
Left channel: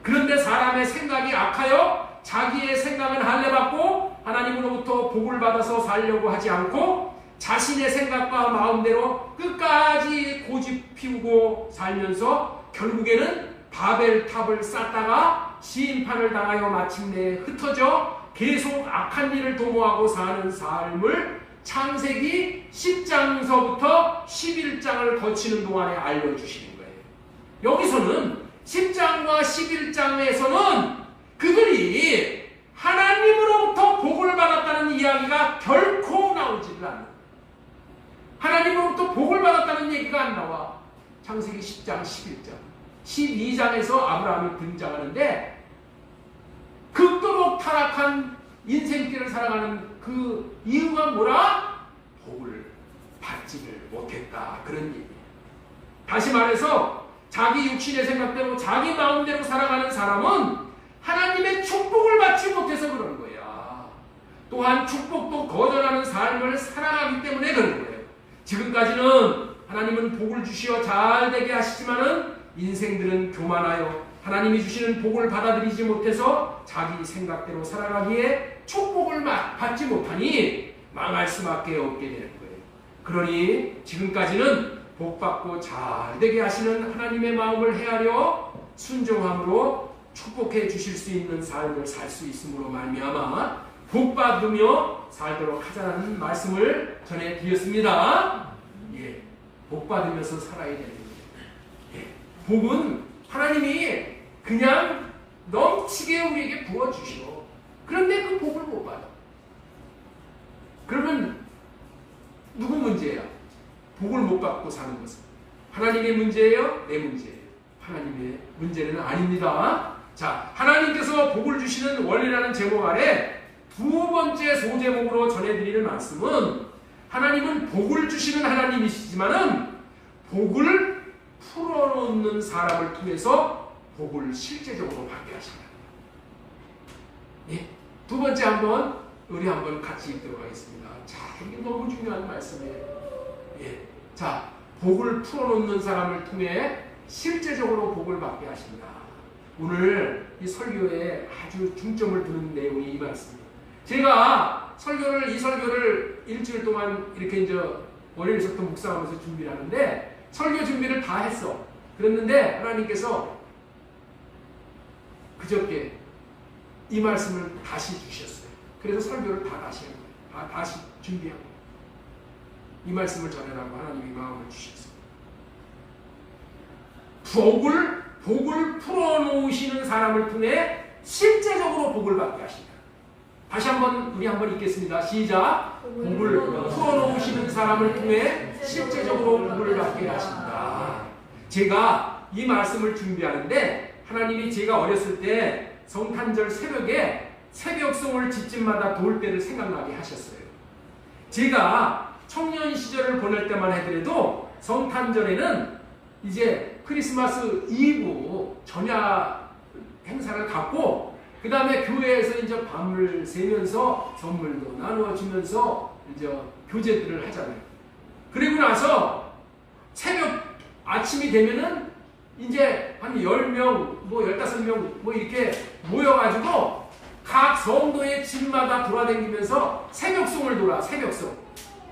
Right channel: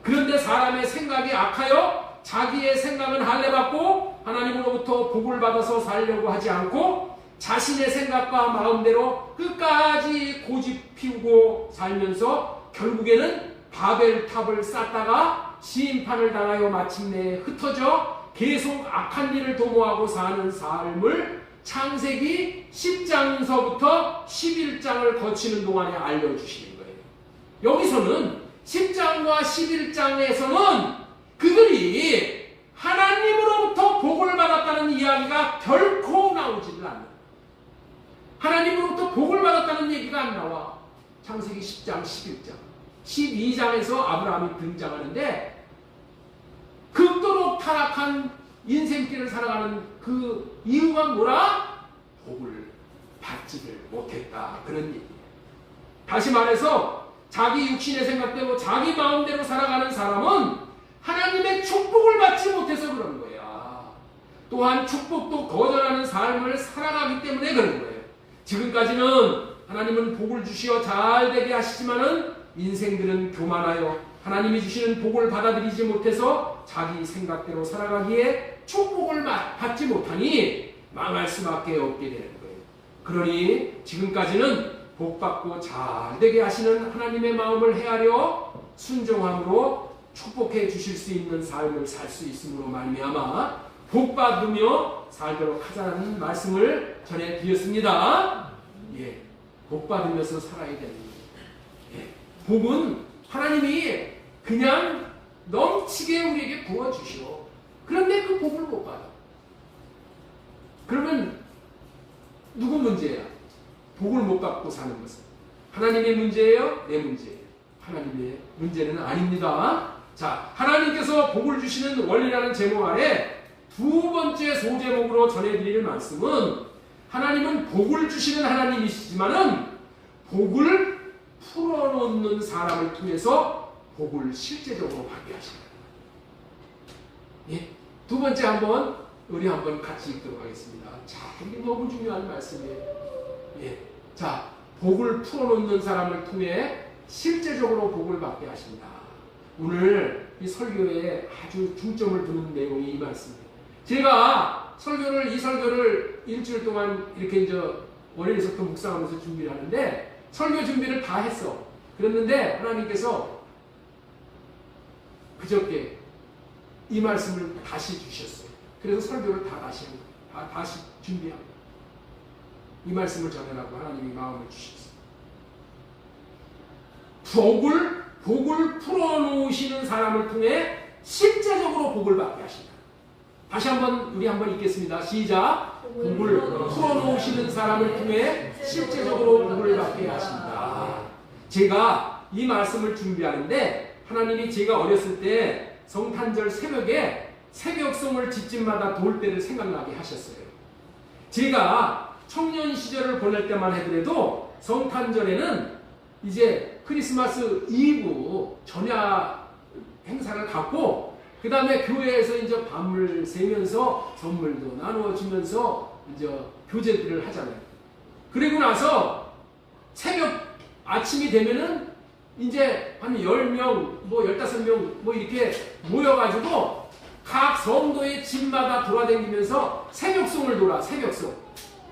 그런데 사람의 생각이 악하여 자기의 생각은 할례받고 하나님으로부터 복을 받아서 살려고 하지 않고 자신의 생각과 마음대로 끝까지 고집 피우고 살면서 결국에는 바벨탑을 쌓다가 심판을 당하여 마침내 흩어져 계속 악한 일을 도모하고 사는 삶을 창세기 10장서부터 11장을 거치는 동안에 알려주시는 거예요. 여기서는 10장과 11장에서는 그들이 하나님으로부터 복을 받았다는 이야기가 결코 나오지를 않아요. 하나님으로부터 복을 받았다는 얘기가 안 나와. 창세기 10장, 11장, 12장에서 아브라함이 등장하는데 극도로 타락한 인생길을 살아가는 그 이유가 뭐라? 복을 받지를 못했다. 그런 얘기예요. 다시 말해서 자기 육신의 생각대로 자기 마음대로 살아가는 사람은 하나님의 축복을 받지 못해서 그런 거야. 또한 축복도 거절하는 삶을 살아가기 때문에 그런 거예요. 지금까지는 하나님은 복을 주시어 잘되게 하시지만은 인생들은 교만하여 하나님이 주시는 복을 받아들이지 못해서 자기 생각대로 살아가기에 축복을 받지 못하니 망할 수밖에 없게 되는 거예요. 그러니 지금까지는 복받고 잘되게 하시는 하나님의 마음을 헤아려 순종함으로 축복해 주실 수 있는 삶을 살 수 있음으로 말미암아 복받으며 살도록 하자는 말씀을 전해드렸습니다. 예, 복받으면서 살아야 됩니다. 예, 복은 하나님이 그냥 넘치게 우리에게 부어주시오. 그런데 그 복을 못 받아. 그러면 누구 문제야? 복을 못 받고 사는 것은 하나님의 문제예요? 내 문제예요? 하나님의 문제는 아닙니다. 자, 하나님께서 복을 주시는 원리라는 제목 아래 두 번째 소제목으로 전해드리는 말씀은 하나님은 복을 주시는 하나님이시지만은 복을 풀어놓는 사람을 통해서 복을 실제적으로 받게 하십니다. 예, 두 번째 우리 한번 같이 읽도록 하겠습니다. 자, 이게 너무 중요한 말씀이에요. 예, 자, 복을 풀어놓는 사람을 통해 실제적으로 복을 받게 하십니다. 오늘 이 설교에 아주 중점을 두는 내용이 이 말씀입니다. 제가 이 설교를 일주일 동안 이렇게 이제 월요일부터 묵상하면서 준비를 하는데 설교 준비를 다 했어. 그랬는데 하나님께서 그저께 이 말씀을 다시 주셨어요. 그래서 설교를 다 다시 한 거예요. 다시 준비한 거예요. 이 말씀을 전해라고 하나님이 마음을 주셨어요. 복을 풀어놓으시는 사람을 통해 실제적으로 복을 받게 하십니다. 다시 우리 한번 읽겠습니다. 시작. 복을 풀어놓으시는 사람을 통해 실제적으로 복을 받게 하십니다. 제가 이 말씀을 준비하는데 하나님이 제가 어렸을 때 성탄절 새벽에 새벽송을 집집마다 돌 때를 생각나게 하셨어요. 제가 청년 시절을 보낼 때만 하더라도 성탄절에는 이제 크리스마스 이브 전야 행사를 갖고 그 다음에 교회에서 이제 밤을 새면서 선물도 나누어주면서 이제 교제들을 하잖아요. 그리고 나서 새벽 아침이 되면은 이제 한 10명, 15명 이렇게 모여가지고 각 성도의 집마다 돌아다니면서 새벽송을 새벽송.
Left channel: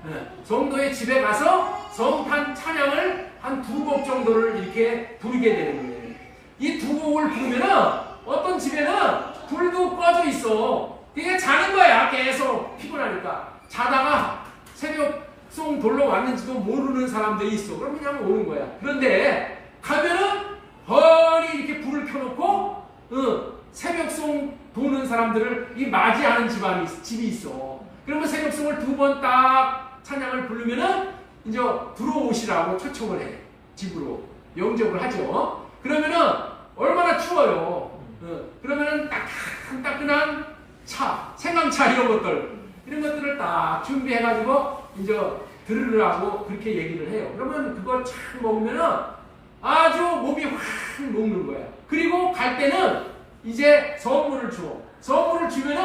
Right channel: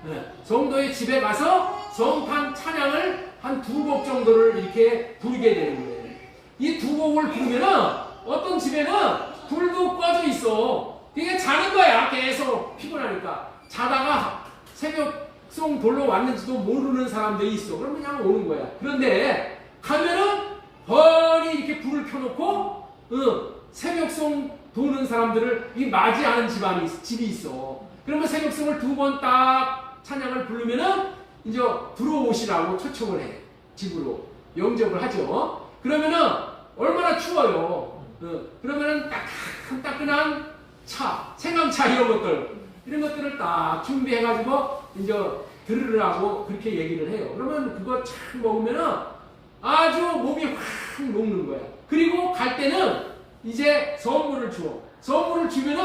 네. 성도의 집에 가서 성탄 찬양을 한 2곡 정도를 이렇게 부르게 되는 거예요. 이 2곡을 부르면은 어떤 집에는 불도 꺼져 있어. 그게 자는 거야. 계속 피곤하니까. 자다가 새벽송 돌러 왔는지도 모르는 사람들이 있어. 그럼 그냥 오는 거야. 그런데 가면은 뻔히 이렇게 불을 켜놓고 새벽송 도는 사람들을 맞이하는 집이 있어. 그러면 새벽송을 2번 딱 찬양을 부르면은 이제 들어오시라고 초청을 해. 집으로 영접을 하죠. 그러면은 얼마나 추워요. 그러면은 따끈따끈한 차, 생강차 이런 것들을 딱 준비해가지고 이제 들으라고 그렇게 얘기를 해요. 그러면 그거 참 먹으면은 아주 몸이 확 녹는 거야. 그리고 갈 때는 이제 선물을 줘. 선물을 주면은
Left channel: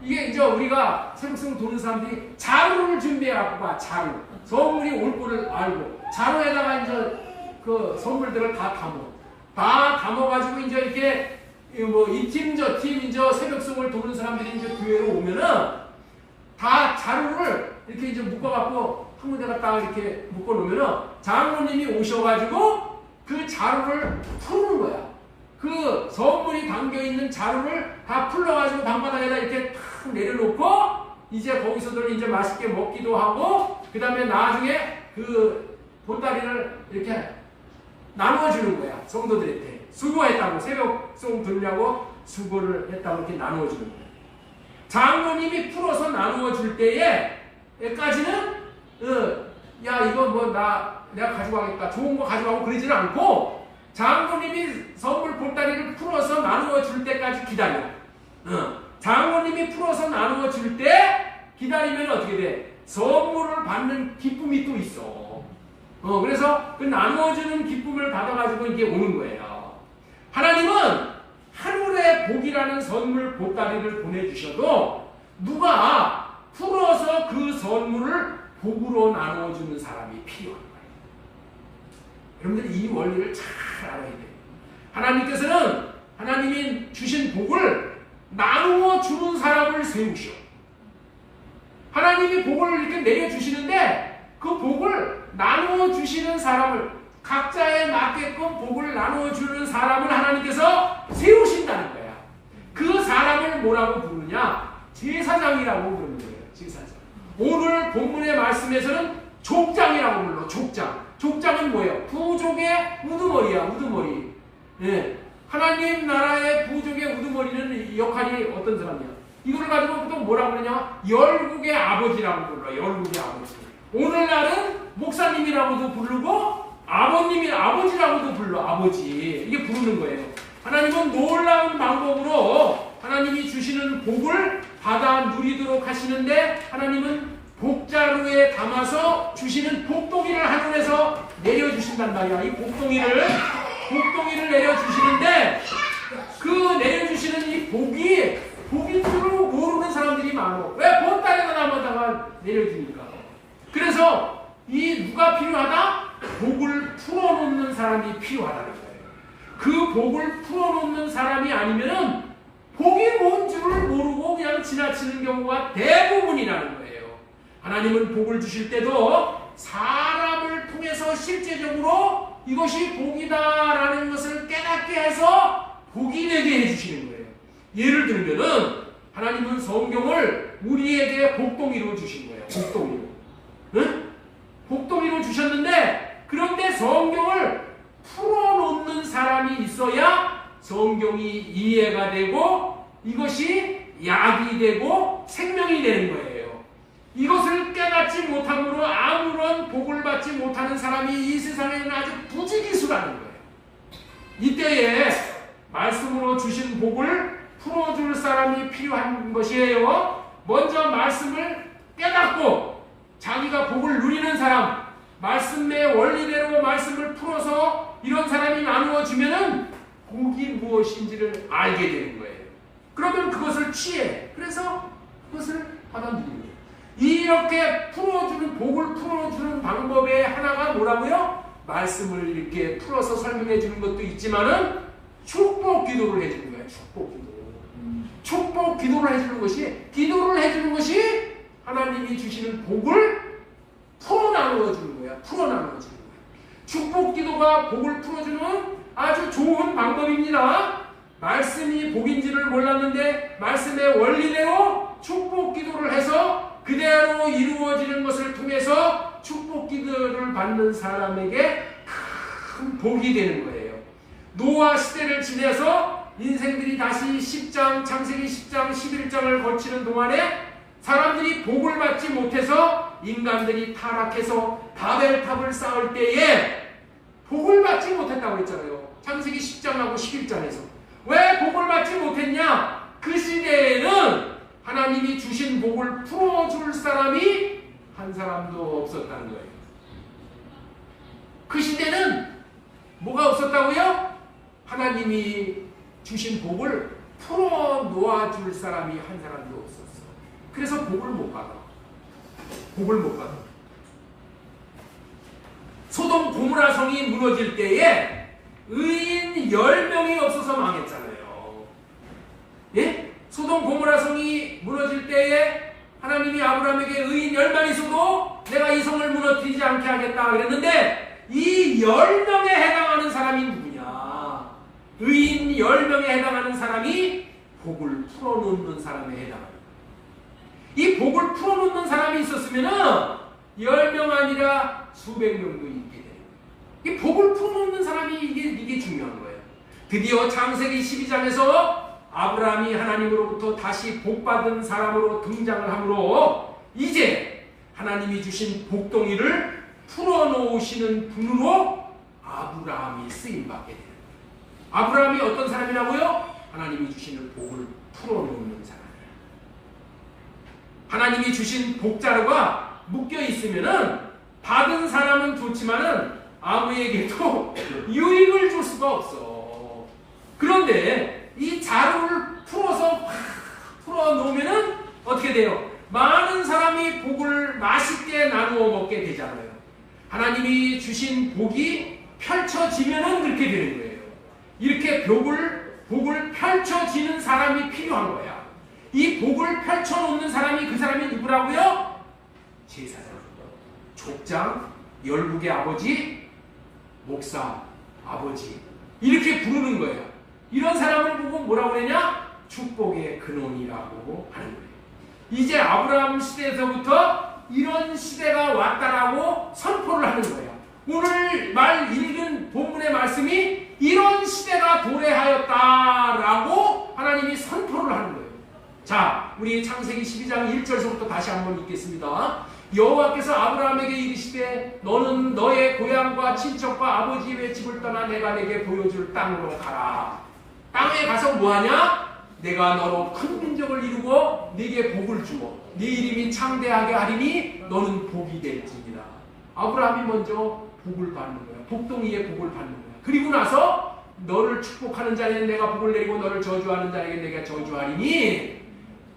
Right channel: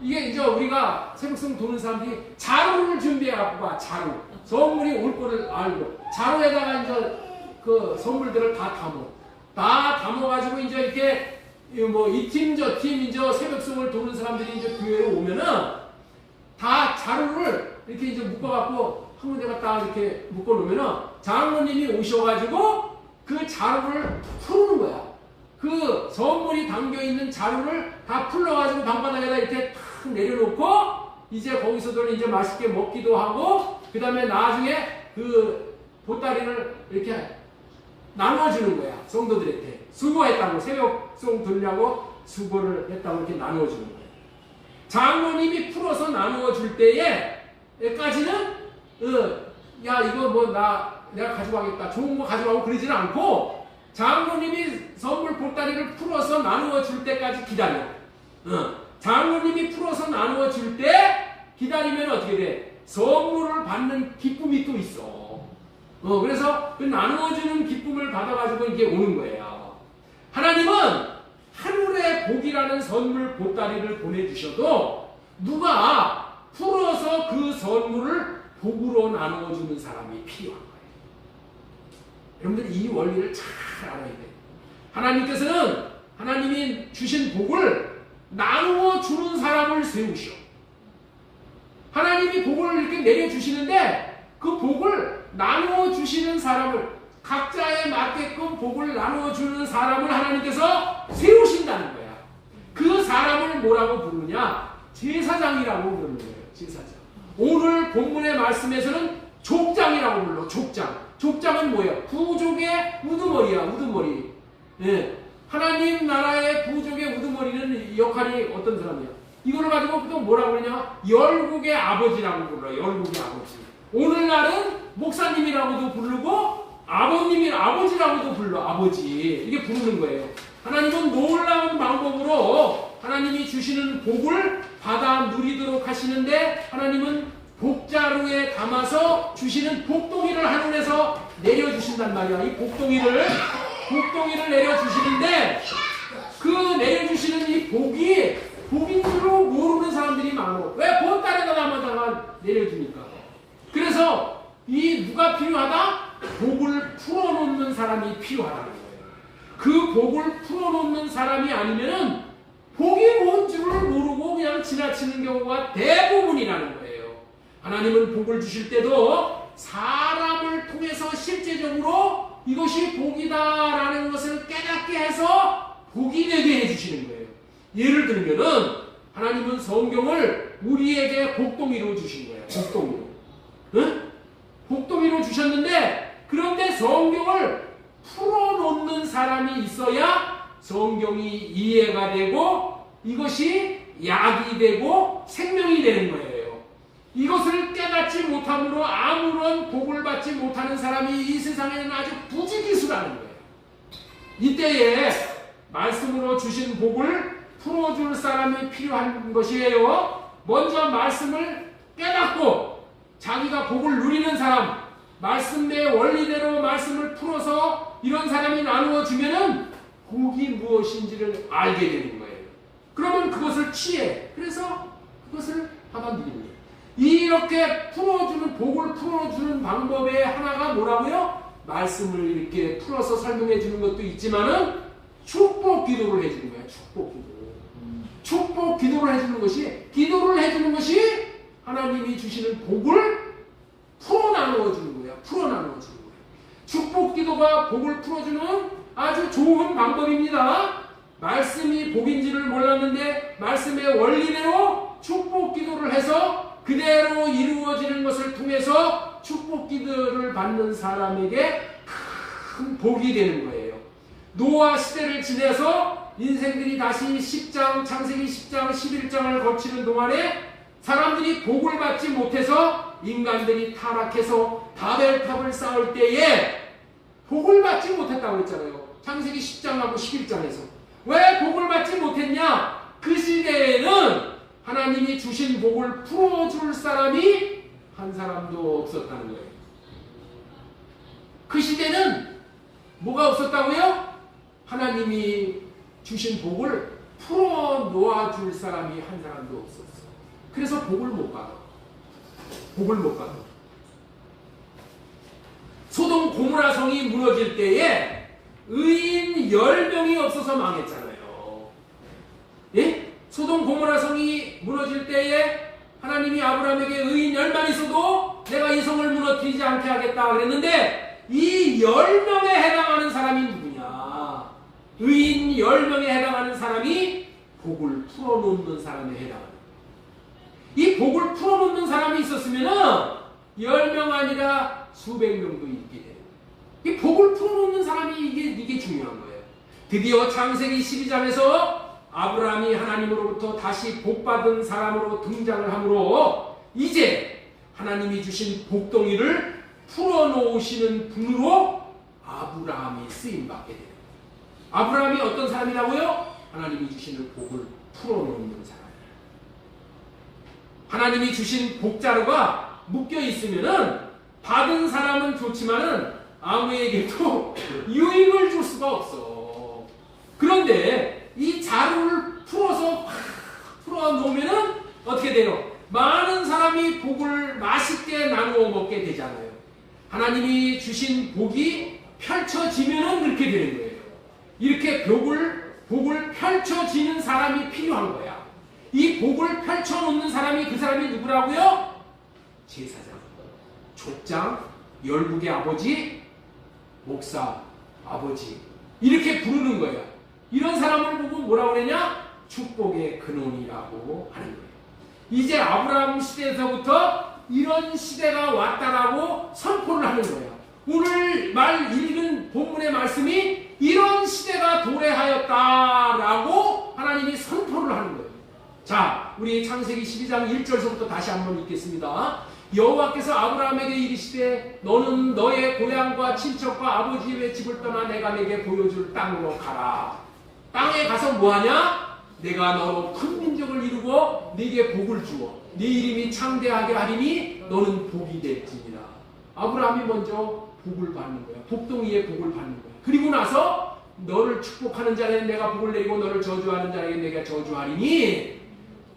이게 이제 우리가 새벽송 도는 사람들이 자루를 준비해갖고 가. 자루. 선물이 올 거를 알고 자루에다가 이제 그 선물들을 다 담어. 다 담아가지고 이제 이렇게 뭐 이 팀 저 팀 이제 새벽송을 도는 사람들이 이제 교회에 오면은 다 자루를 이렇게 이제 묶어갖고 한 군데가 딱 이렇게 묶어놓으면은 장로님이 오셔가지고 그 자루를 풀는 거야. 그 선물이 담겨있는 자루를 다 풀러가지고 방바닥에다 이렇게 탁 내려놓고 이제 거기서들 이제 맛있게 먹기도 하고 그 다음에 나중에 그 보따리를 이렇게 나누어주는 거야. 성도들한테. 수고했다고 새벽송 들으려고 수고를 했다고 이렇게 나누어주는 거야. 장로님이 풀어서 나누어줄 때에까지는 야 이거 뭐 내가 가져가겠다 좋은 거 가져가고 그러지는 않고 장로님이 선물 보따리를 풀어서 나누어 줄 때까지 기다려. 장로님이 풀어서 나누어 줄 때 기다리면 어떻게 돼? 선물을 받는 기쁨이 또 있어. 그래서 그 나누어 주는 기쁨을 받아가지고 이게 오는 거예요. 하나님은 하늘의 복이라는 선물 보따리를 보내주셔도 누가 풀어서 그 선물을 복으로 나누어주는 사람이 필요한 거예요. 여러분들 이 원리를 잘 알아야 돼요. 하나님께서는 하나님이 주신 복을 나누어주는 사람을 세우셔. 하나님이 복을 이렇게 내려주시는데 그 복을 나누어주시는 사람을 각자에 맞게끔 복을 나누어주는 사람을 하나님께서 세우신다는 거야. 그 사람을 뭐라고 부르느냐? 제사장이라고 부르는 거예요. 제사장. 오늘 본문의 말씀에서는 족장이라고 불러. 족장. 족장은 뭐예요? 부족의 우두머리야. 우두머리. 예. 하나님 나라의 부족의 우두머리는 역할이 어떤 사람이야? 이걸 가지고 또 뭐라고 그러냐? 열국의 아버지라고 불러. 열국의 아버지. 오늘날은 목사님이라고도 부르고 아버지라고도 불러. 아버지. 이게 부르는 거예요. 하나님은 놀라운 방법으로 하나님이 주시는 복을 받아 누리도록 하시는데 하나님은 복자루에 담아서 주시는 복동이를 하늘에서 내려주신단 말이야. 이 복동이를 내려주시는데 그 내려주시는 이 복이 복인 줄로 모르는 사람들이 많아. 왜? 보따리에다 담아다가 내려주니까. 그래서 이 누가 필요하다? 복을 풀어놓는 사람이 필요하다는 거예요. 그 복을 풀어놓는 사람이 아니면은 복이 뭔 줄을 모르고 그냥 지나치는 경우가 대부분이라는 거예요. 하나님은 복을 주실 때도 사람을 통해서 실제적으로 이것이 복이다라는 것을 깨닫게 해서 복이 되게 해주시는 거예요. 예를 들면은 하나님은 성경을 우리에게 복동이로 주신 거예요. 복동이로. 응? 복동이로 주셨는데 그런데 성경을 풀어놓는 사람이 있어야 성경이 이해가 되고 이것이 약이 되고 생명이 되는 거예요. 이것을 깨닫지 못함으로 아무런 복을 받지 못하는 사람이 이 세상에는 아주 부지기수라는 거예요. 이때에 말씀으로 주신 복을 풀어줄 사람이 필요한 것이에요. 먼저 말씀을 깨닫고 자기가 복을 누리는 사람, 말씀의 원리대로 말씀을 풀어서 이런 사람이 나누어 주면은 복이 무엇인지를 알게 되는 거예요. 그러면 그것을 취해. 그래서 그것을 받아들이는 거예요. 이렇게 풀어주는 복을 풀어주는 방법의 하나가 뭐라고요? 말씀을 이렇게 풀어서 설명해 주는 것도 있지만은 축복 기도를 해주는 거예요. 축복 기도. 축복 기도를 해주는 것이 하나님이 주시는 복을 풀어 나누어 주는 거예요. 풀어 나누어 주는 거예요. 축복 기도가 복을 풀어주는 아주 좋은 방법입니다. 말씀이 복인지를 몰랐는데 말씀의 원리대로 축복 기도를 해서 그대로 이루어지는 것을 통해서 축복 기도를 받는 사람에게 큰 복이 되는 거예요. 노아 시대를 지내서 인생들이 다시 10장, 창세기 10장, 11장을 거치는 동안에 사람들이 복을 받지 못해서 인간들이 타락해서 바벨탑을 쌓을 때에 복을 받지 못했다고 했잖아요. 창세기 10장하고 11장에서. 왜 복을 받지 못했냐? 그 시대에는 하나님이 주신 복을 풀어줄 사람이 한 사람 사람도 없었다는 거예요. 그 시대는 뭐가 없었다고요? 하나님이 주신 복을 풀어놓아줄 사람이 한 사람도 없었어. 그래서 복을 못 받아. 복을 못 받아. 소돔 고모라 성이 무너질 때에 의인 10명이 없어서 망했잖아요. 예? 소돔 고모라 성이 무너질 때에 하나님이 아브라함에게 의인 10만 있어도 내가 이 성을 무너뜨리지 않게 하겠다 그랬는데 이 10명에 해당하는 사람이 누구냐? 의인 10명에 해당하는 사람이 복을 풀어놓는 사람에 해당합니다. 이 복을 풀어놓는 사람이 있었으면 10명 아니라 수백 명도 있게 돼요. 이 복을 풀어놓는 사람이 이게 중요한 거예요. 드디어 창세기 12장에서 아브라함이 하나님으로부터 다시 복받은 사람으로 등장을 하므로 이제 하나님이 주신 복덩이를 풀어놓으시는 분으로 아브라함이 쓰임받게 돼요. 아브라함이 어떤 사람이라고요? 하나님이 주시는 복을 풀어놓는 사람이에요. 하나님이 주신 복자루가 묶여 있으면은 받은 사람은 좋지만은 아무에게도 유익을 줄 수가 없어. 그런데 이 자루를 풀어서 풀어놓으면은 어떻게 돼요? 많은 사람이 복을 맛있게 나누어 먹게 되잖아요. 하나님이 주신 복이 펼쳐지면은 그렇게 되는 거예요. 이렇게 복을 펼쳐지는 사람이 필요한 거야. 이 복을 펼쳐놓는 사람이 그 사람이 누구라고요? 제사장, 족장, 열국의 아버지, 목사, 아버지 이렇게 부르는 거예요. 이런 사람을 보고 뭐라고 그러냐? 축복의 근원이라고 하는 거예요. 이제 아브라함 시대에서부터 이런 시대가 왔다라고 선포를 하는 거예요. 오늘 읽은 본문의 말씀이 이런 시대가 도래하였다라고 하나님이 선포를 하는 거예요. 자, 우리 창세기 12장 1절서부터 다시 한번 읽겠습니다. 여호와께서 아브라함에게 이르시되 너는 너의 고향과 친척과 아버지의 집을 떠나 내가 내게 보여줄 땅으로 가라. 땅에 가서 뭐하냐? 내가 너로 큰 민족을 이루고 네게 복을 주어 네 이름이 창대하게 하리니 너는 복이 될지니라. 아브라함이 먼저 복을 받는 거야. 복동이의 복을 받는 거야. 그리고 나서 너를 축복하는 자에게는 내가 복을 내리고 너를 저주하는 자에게 내가 저주하리니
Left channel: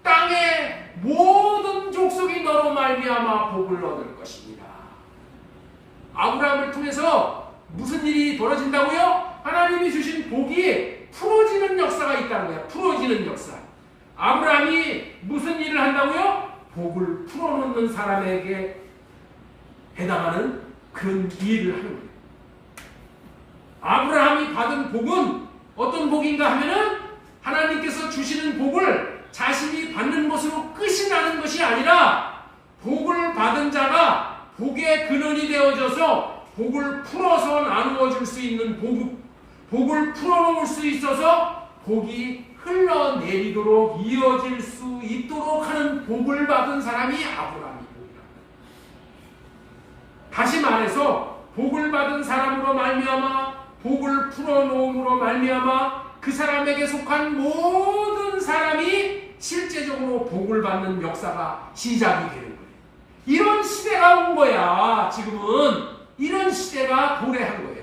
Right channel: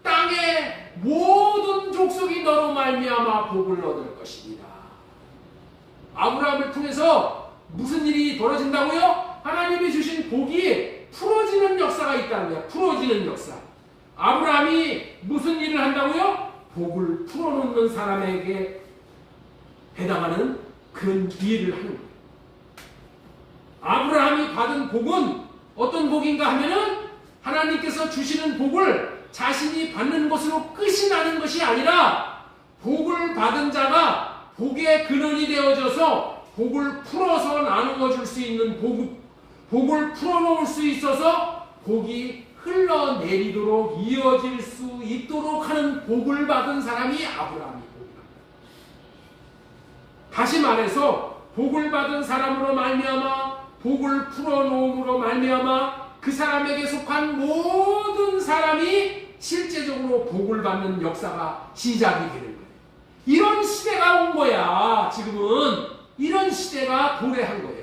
땅의 모든 족속이 너로 말미암아 복을 얻을 것입니다. 아브라함을 통해서 무슨 일이 벌어진다고요? 하나님이 주신 복이 풀어지는 역사가 있다는 거예요. 풀어지는 역사. 아브라함이 무슨 일을 한다고요? 복을 풀어놓는 사람에게 해당하는 그런 일을 하는 거예요. 아브라함이 받은 복은 어떤 복인가 하면은 하나님께서 주시는 복을 자신이 받는 것으로 끝이 나는 것이 아니라 복을 받은 자가 복의 근원이 되어져서 복을 풀어서 나누어 줄 수 있는 복을 풀어놓을 수 있어서 복이 흘러내리도록 이어질 수 있도록 하는 복을 받은 사람이 아브라함이 복이랍니다. 다시 말해서 복을 받은 사람으로 말미암아 복을 풀어놓음으로 말미암아 그 사람에게 속한 모든 사람이 실제적으로 복을 받는 역사가 시작이 되는 거예요. 이런 시대가 온 거야. 지금은 이런 시대가 도래한 거예요.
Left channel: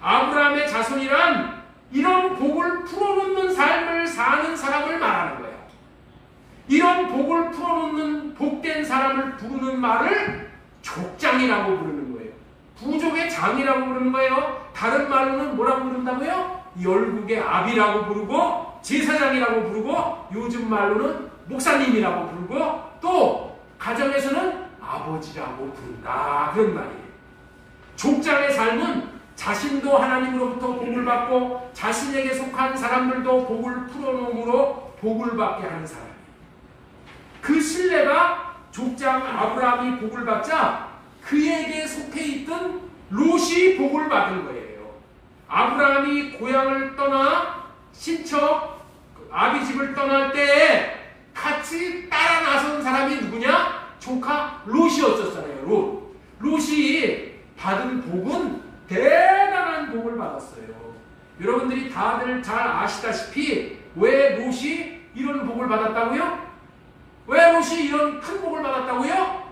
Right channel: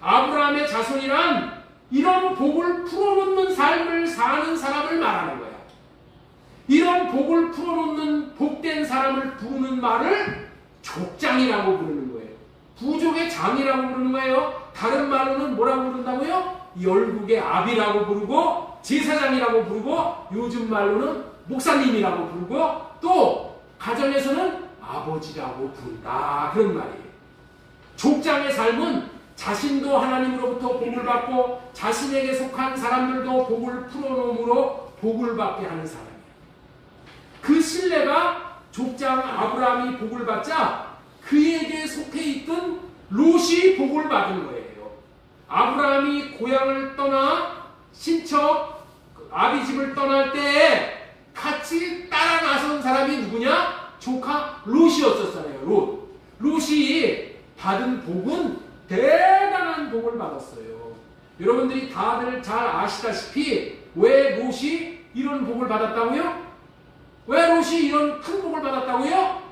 아브라함의 자손이란 이런 복을 풀어놓는 삶을 사는 사람을 말하는 거야. 이런 복을 풀어놓는 복된 사람을 부르는 말을 족장이라고 부르는 거예요. 부족의 장이라고 부르는 거예요. 다른 말로는 뭐라고 부른다고요? 열국의 아비라고 부르고 제사장이라고 부르고 요즘 말로는 목사님이라고 부르고 또 가정에서는 아버지라고 부른다. 그런 말이에요. 족장의 삶은 자신도 하나님으로부터 복을 받고 자신에게 속한 사람들도 복을 풀어놓음으로 복을 받게 하는 사람이에요. 그 신뢰가 족장 아브라함이 복을 받자 그에게 속해 있던 롯이 복을 받은 거예요. 아브라함이 고향을 떠나 친척 아비 집을 떠날 때 같이 따라 나선 사람이 누구냐? 조카 롯이었었잖아요. 롯이 받은 복은 대단한 복을 받았어요. 여러분들이 다들 잘 아시다시피 왜 롯이 이런 복을 받았다고요? 왜 롯이 이런 큰 복을 받았다고요?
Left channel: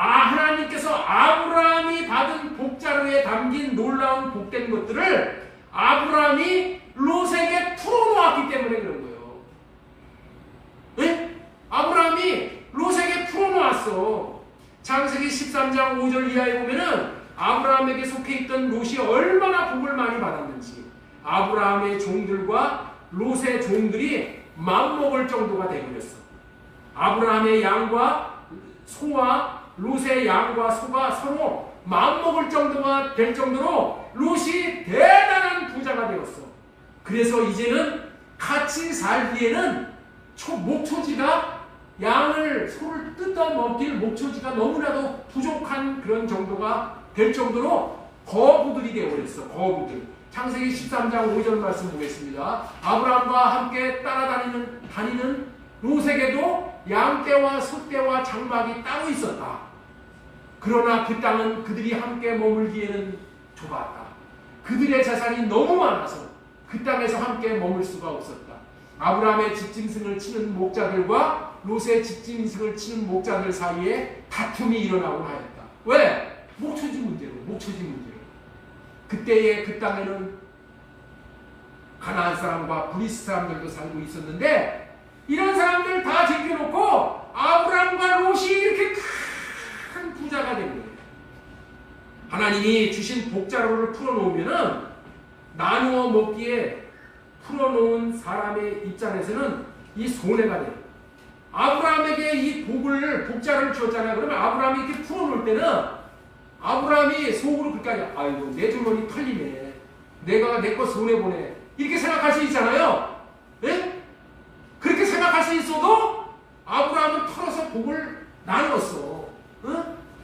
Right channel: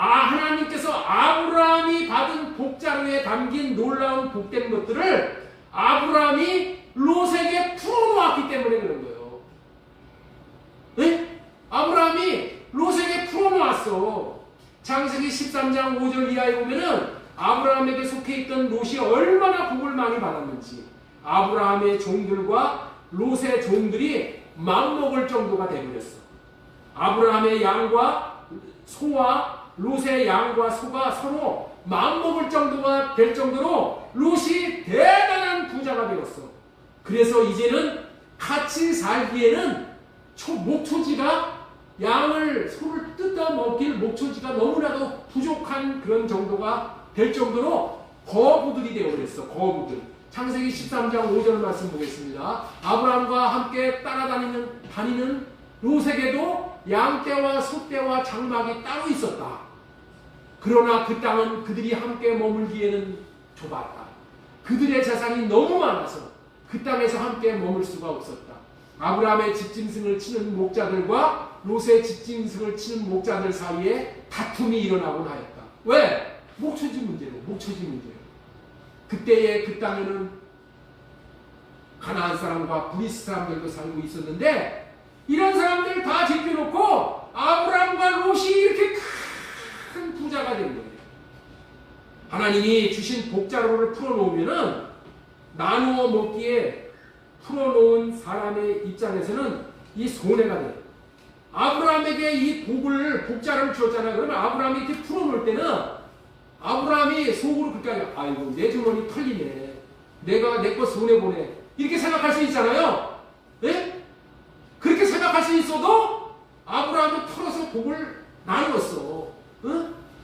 하나님께서 아브라함이 받은 복자루에 담긴 놀라운 복된 것들을 아브라함이 롯에게 풀어놓았기 때문에 그런 거예요. 네? 아브라함이 롯에게 풀어놓았어. 창세기 13장 5절 이하에 보면은 아브라함에게 속해 있던 롯이 얼마나 복을 많이 받았는지, 아브라함의 종들과 롯의 종들이 맘먹을 정도가 되어버렸어. 아브라함의 양과 소와 롯의 양과 소가 서로 마음먹을 정도가 될 정도로 롯이 대단한 부자가 되었어. 그래서 이제는 같이 살기에는 목초지가 양을 소를 뜯어 먹길 목초지가 너무나도 부족한 그런 정도가 될 정도로 거부들이 되어버렸어. 거부들. 창세기 13장 5절 말씀 보겠습니다. 아브라함과 함께 따라다니는 롯에게도 양떼와 소떼와 장막이 따로 있었다. 그러나 그 땅은 그들이 함께 머물기에는 좁았다. 그들의 재산이 너무 많아서 그 땅에서 함께 머물 수가 없었다. 아브라함의 집짐승을 치는 목자들과 롯의 집짐승을 치는 목자들 사이에 다툼이 일어나곤 하였다. 왜? 목초지 문제로. 그때의 그 땅에는 가나안 사람과 브리스 사람들도 살고 있었는데 이런 사람들 다 제껴놓고 아브라함과 롯이 이렇게 큰 부자가 된 거예요. 하나님이 주신 복자루를 풀어놓으면은 나누어 먹기에 풀어놓은 사람의 입장에서는 이 손해가 돼요. 아브라함에게 이 복자루를 주었잖아요. 그러면 아브라함이 이렇게 풀어놓을 때는 아브라함이 속으로 그렇게 아이고 내 주머니 털리네. 내가 내 거 손해보네. 이렇게 생각할 수 있잖아요. 예? 그렇게 생각할 수 있어도 아브라함은 털어서 복을 나누었어.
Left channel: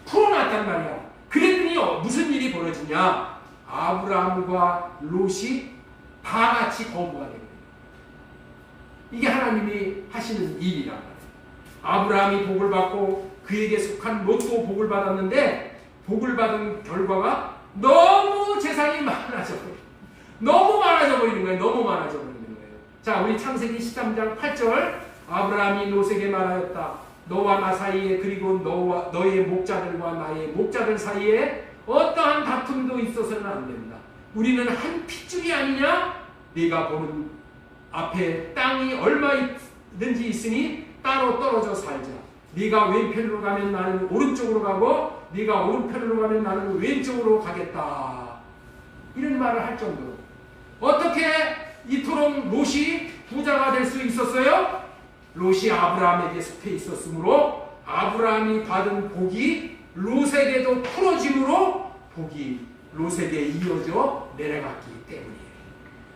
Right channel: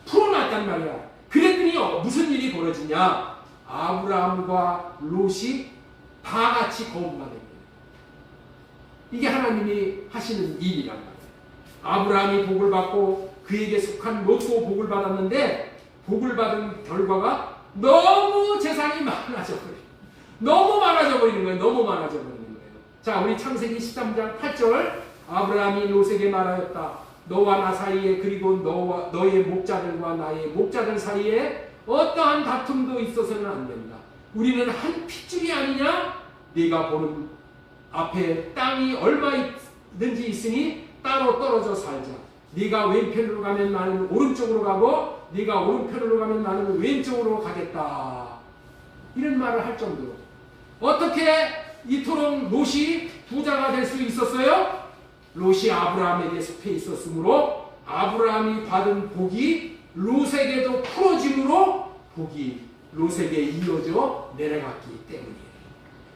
풀어놨단 말이야. 그랬더니 무슨 일이 벌어지냐? 아브라함과 롯이 다 같이 거부가 됩니다. 이게 하나님이 하시는 일이란 말이에요. 아브라함이 복을 받고 그에게 속한 롯도 복을 받았는데 복을 받은 결과가 너무 재산이 많아져 버려요. 너무 많아져 버리는 거예요. 자, 우리 창세기 13장 8절 아브라함이 롯에게 말하였다. 너와 나 사이에 그리고 너의 목자들과 나의 목자들 사이에 어떠한 다툼도 있어서는 안 된다. 우리는 한 핏줄이 아니냐? 네가 보는 앞에 땅이 얼마 있는지 있으니 따로 떨어져 살자. 네가 왼편으로 가면 나는 오른쪽으로 가고 네가 오른편으로 가면 나는 왼쪽으로 가겠다. 이런 말을 할 정도로 어떻게 이토록 롯이 부자가 될 수 있었어요? 롯이 아브라함에게 속해 있었으므로 아브라함이 받은 복이 롯에게도 풀어짐으로 복이 롯에게 이어져 내려갔기 때문이에요.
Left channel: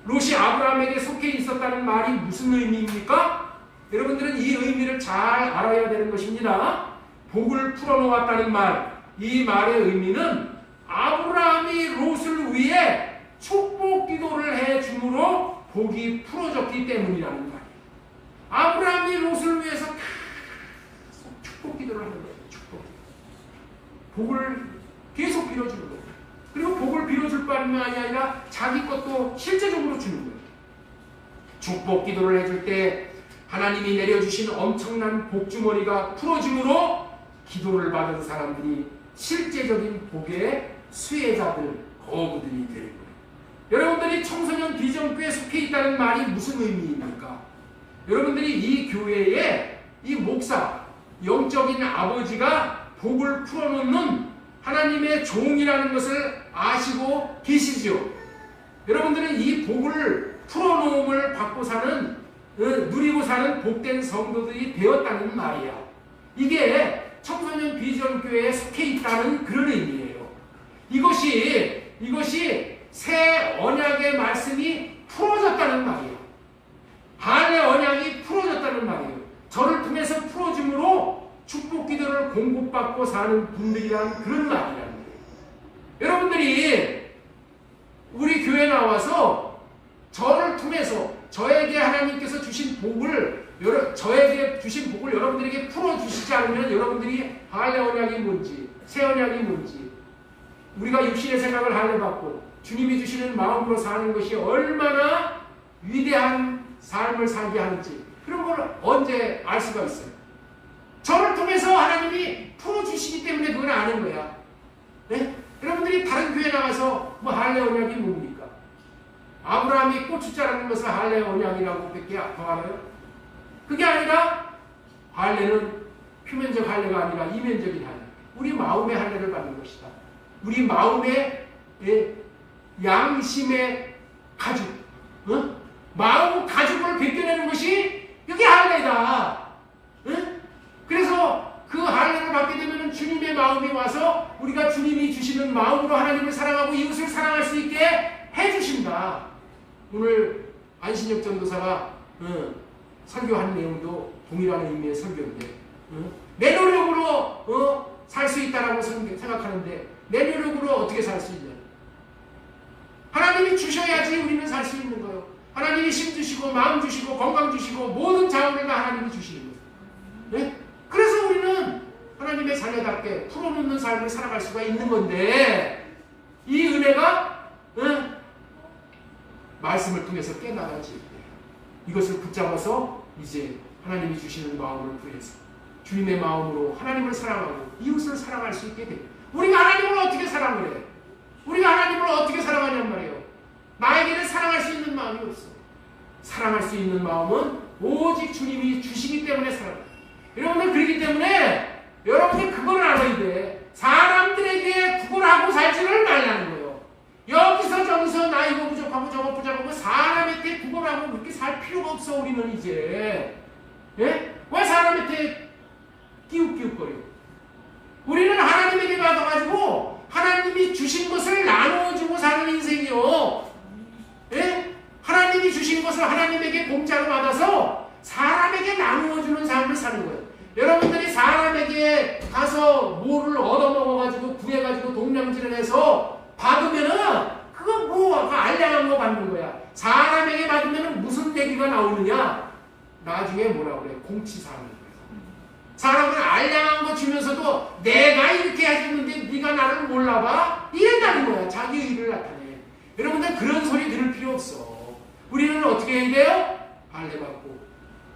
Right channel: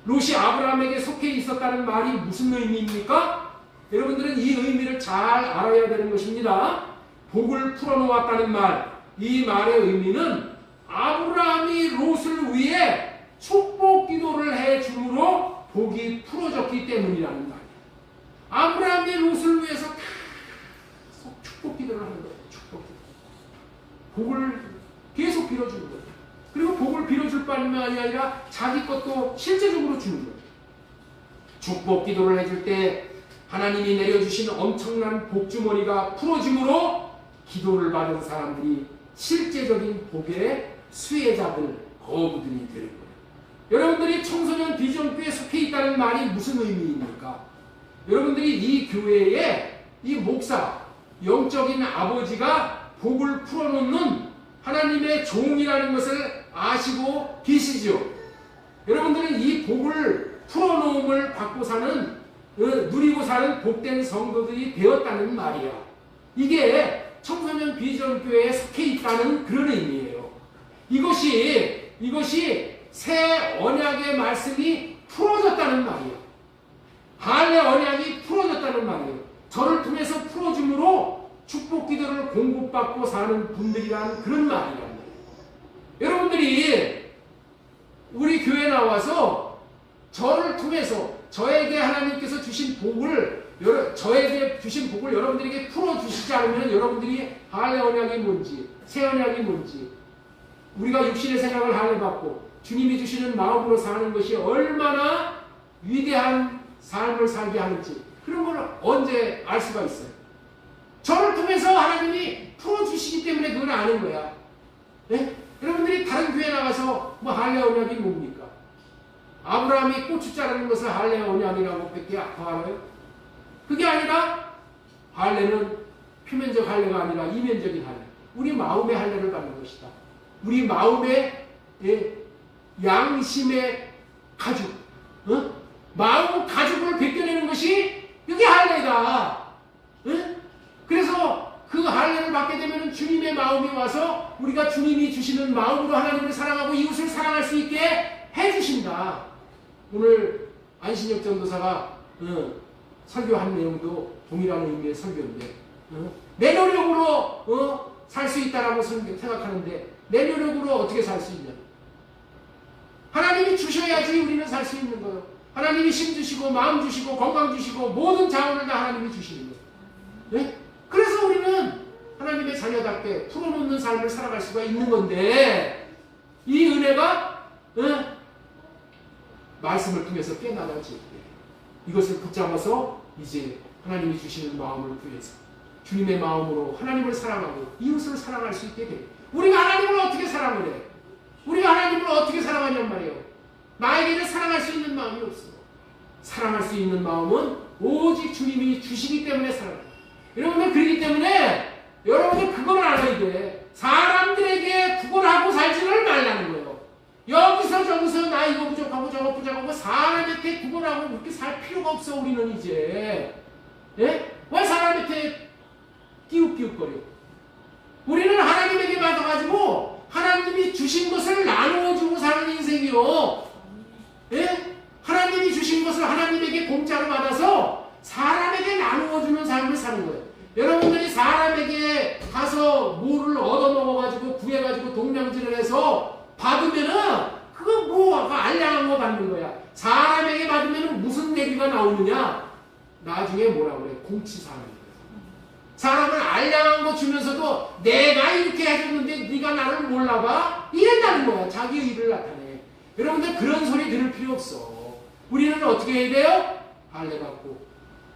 롯이 아브라함에게 속해 있었다는 말이 무슨 의미입니까? 여러분들은 이 의미를 잘 알아야 되는 것입니다. 복을 풀어놓았다는 말, 이 말의 의미는 아브라함이 롯을 위해 축복 기도를 해줌으로 복이 풀어졌기 때문이라는 말이에요. 아브라함이 롯을 위해서 계속 축복 기도를 하는 거예요. 축복 기도. 복을 계속 빌어주는 거예요. 그리고 복을 빌어줄 뿐만 아니라 자기 것도 실제적으로 주는 거예요. 축복 기도를 해줄 때 하나님이 내려주신 엄청난 복주머니가 풀어짐으로 기도를 받은 사람들이 실제적인 복의 수혜자들, 거부들이 되는 거예요. 여러분들이 청소년 비전교회에 속해 있다는 말이 무슨 의미입니까? 여러분들이 이 교회에 이 목사, 영적인 아버지가 복을 풀어놓는 하나님의 종이라는 것을 아시고 계시죠? 여러분들은 이 복을 풀어놓음을 받고 사는 누리고 사는 복된 성도들이 되었다는 말이야. 이게 청소년 비전교회에 속해 있다는 그런 의미예요. 이것이 새 언약의 말씀이 풀어졌다는 말이에요. 할례 언약이 풀어졌다는 말이에요. 저를 통해서 풀어줌으로 축복 기도를 공급받고 사는 분들이라는 그런 말이란 말이에요. 여러분들이 우리 교회 나와서 저를 통해서 저에게 하나님께서 주신 복을 여러분들에게 풀어주시지 않으면 여러분들이 할례 언약이 뭔지 새 언약이 뭔지 우리가 육신의 생각을 할례받고 주님이 주시는 마음으로 사는 것이 얼마나 위대한 삶을 살게 하는지 그런 걸 언제 알 수가 있어요? 저를 통해서 하나님이 풀어주시기 때문에 그걸 아는 거야. 네? 여러분들이 다른 교회 나가서 뭐 할례 언약이 뭡니까? 아브라함이 고추 자라는 것을 할례 언약이라고 밖에 알아요? 그게 아니라 할례는 표면적 할례가 아니라 이면적인 할례. 우리 마음의 할례를 받는 것이다. 우리 마음의 양심의 가죽, 마음 가죽을 벗겨내는 것이 그게 할례다. 그래서 그 할례를 받게 되면 주님의 마음이 와서 우리가 주님이 주시는 마음으로 하나님을 사랑하고 이웃을 사랑할 수 있게 해주신다. 오늘 안신혁 전도사가 설교한 내용도 동일한 의미의 설교인데 내 노력으로 살 수 있다라고 생각하는데 내 노력으로 어떻게 살 수 있냐? 하나님이 주셔야지 우리는 살 수 있는 거예요. 하나님이 힘 주시고 마음 주시고 건강 주시고 모든 자원을 다 하나님이 주시는 거예요. 네? 그래서 우리는 하나님의 자녀답게 풀어놓는 삶을 살아갈 수가 있는 건데 이 은혜가 말씀을 통해서 깨달아질 때 이것을 붙잡아서 이제 하나님이 주시는 마음을 구해서 주님의 마음으로 하나님을 사랑하고 이웃을 사랑할 수 있게 됩니다. 우리가 하나님을 어떻게 사랑을 해? 우리가 하나님을 어떻게 사랑하냔 말이에요. 나에게는 사랑할 수 있는 마음이 없어. 사랑할 수 있는 마음은 오직 주님이 주시기 때문에 사랑해요. 여러분들 그렇기 때문에 여러분들 그걸 알아야 돼. 사람들에게 구걸하고 살지를 말라는 거예요. 여기서 저기서 나 이거 부족하고 저거 부족하고 사람한테 구걸하고 그렇게 살 필요가 없어. 우리는 이제 예? 왜 사람한테 끼웃끼웃거려? 우리는 하나님에게 받아가지고 하나님이 주신 것을 나누어주고 사는 인생이요. 예? 하나님이 주신 것을 하나님에게 공짜로 받아서 사람에게 나누어주는 삶을 사는 거예요. 여러분들이 사람에게 가서 뭐를 얻어먹어가지고 구해가지고 동량질을 해서 받으면은 그거 뭐 알량한 거 받는 거야. 사람에게 받으면은 무슨 내기가 나오느냐? 나중에 뭐라 그래? 공치사는 거예요. 사람을 알량한 거 주면서도 내가 이렇게 해줬는데 네가 나를 몰라봐? 이런다는 거야. 자기 의를 나타내. 여러분들 그런 소리 들을 필요 없어. 우리는 어떻게 해야 돼요? 할례받고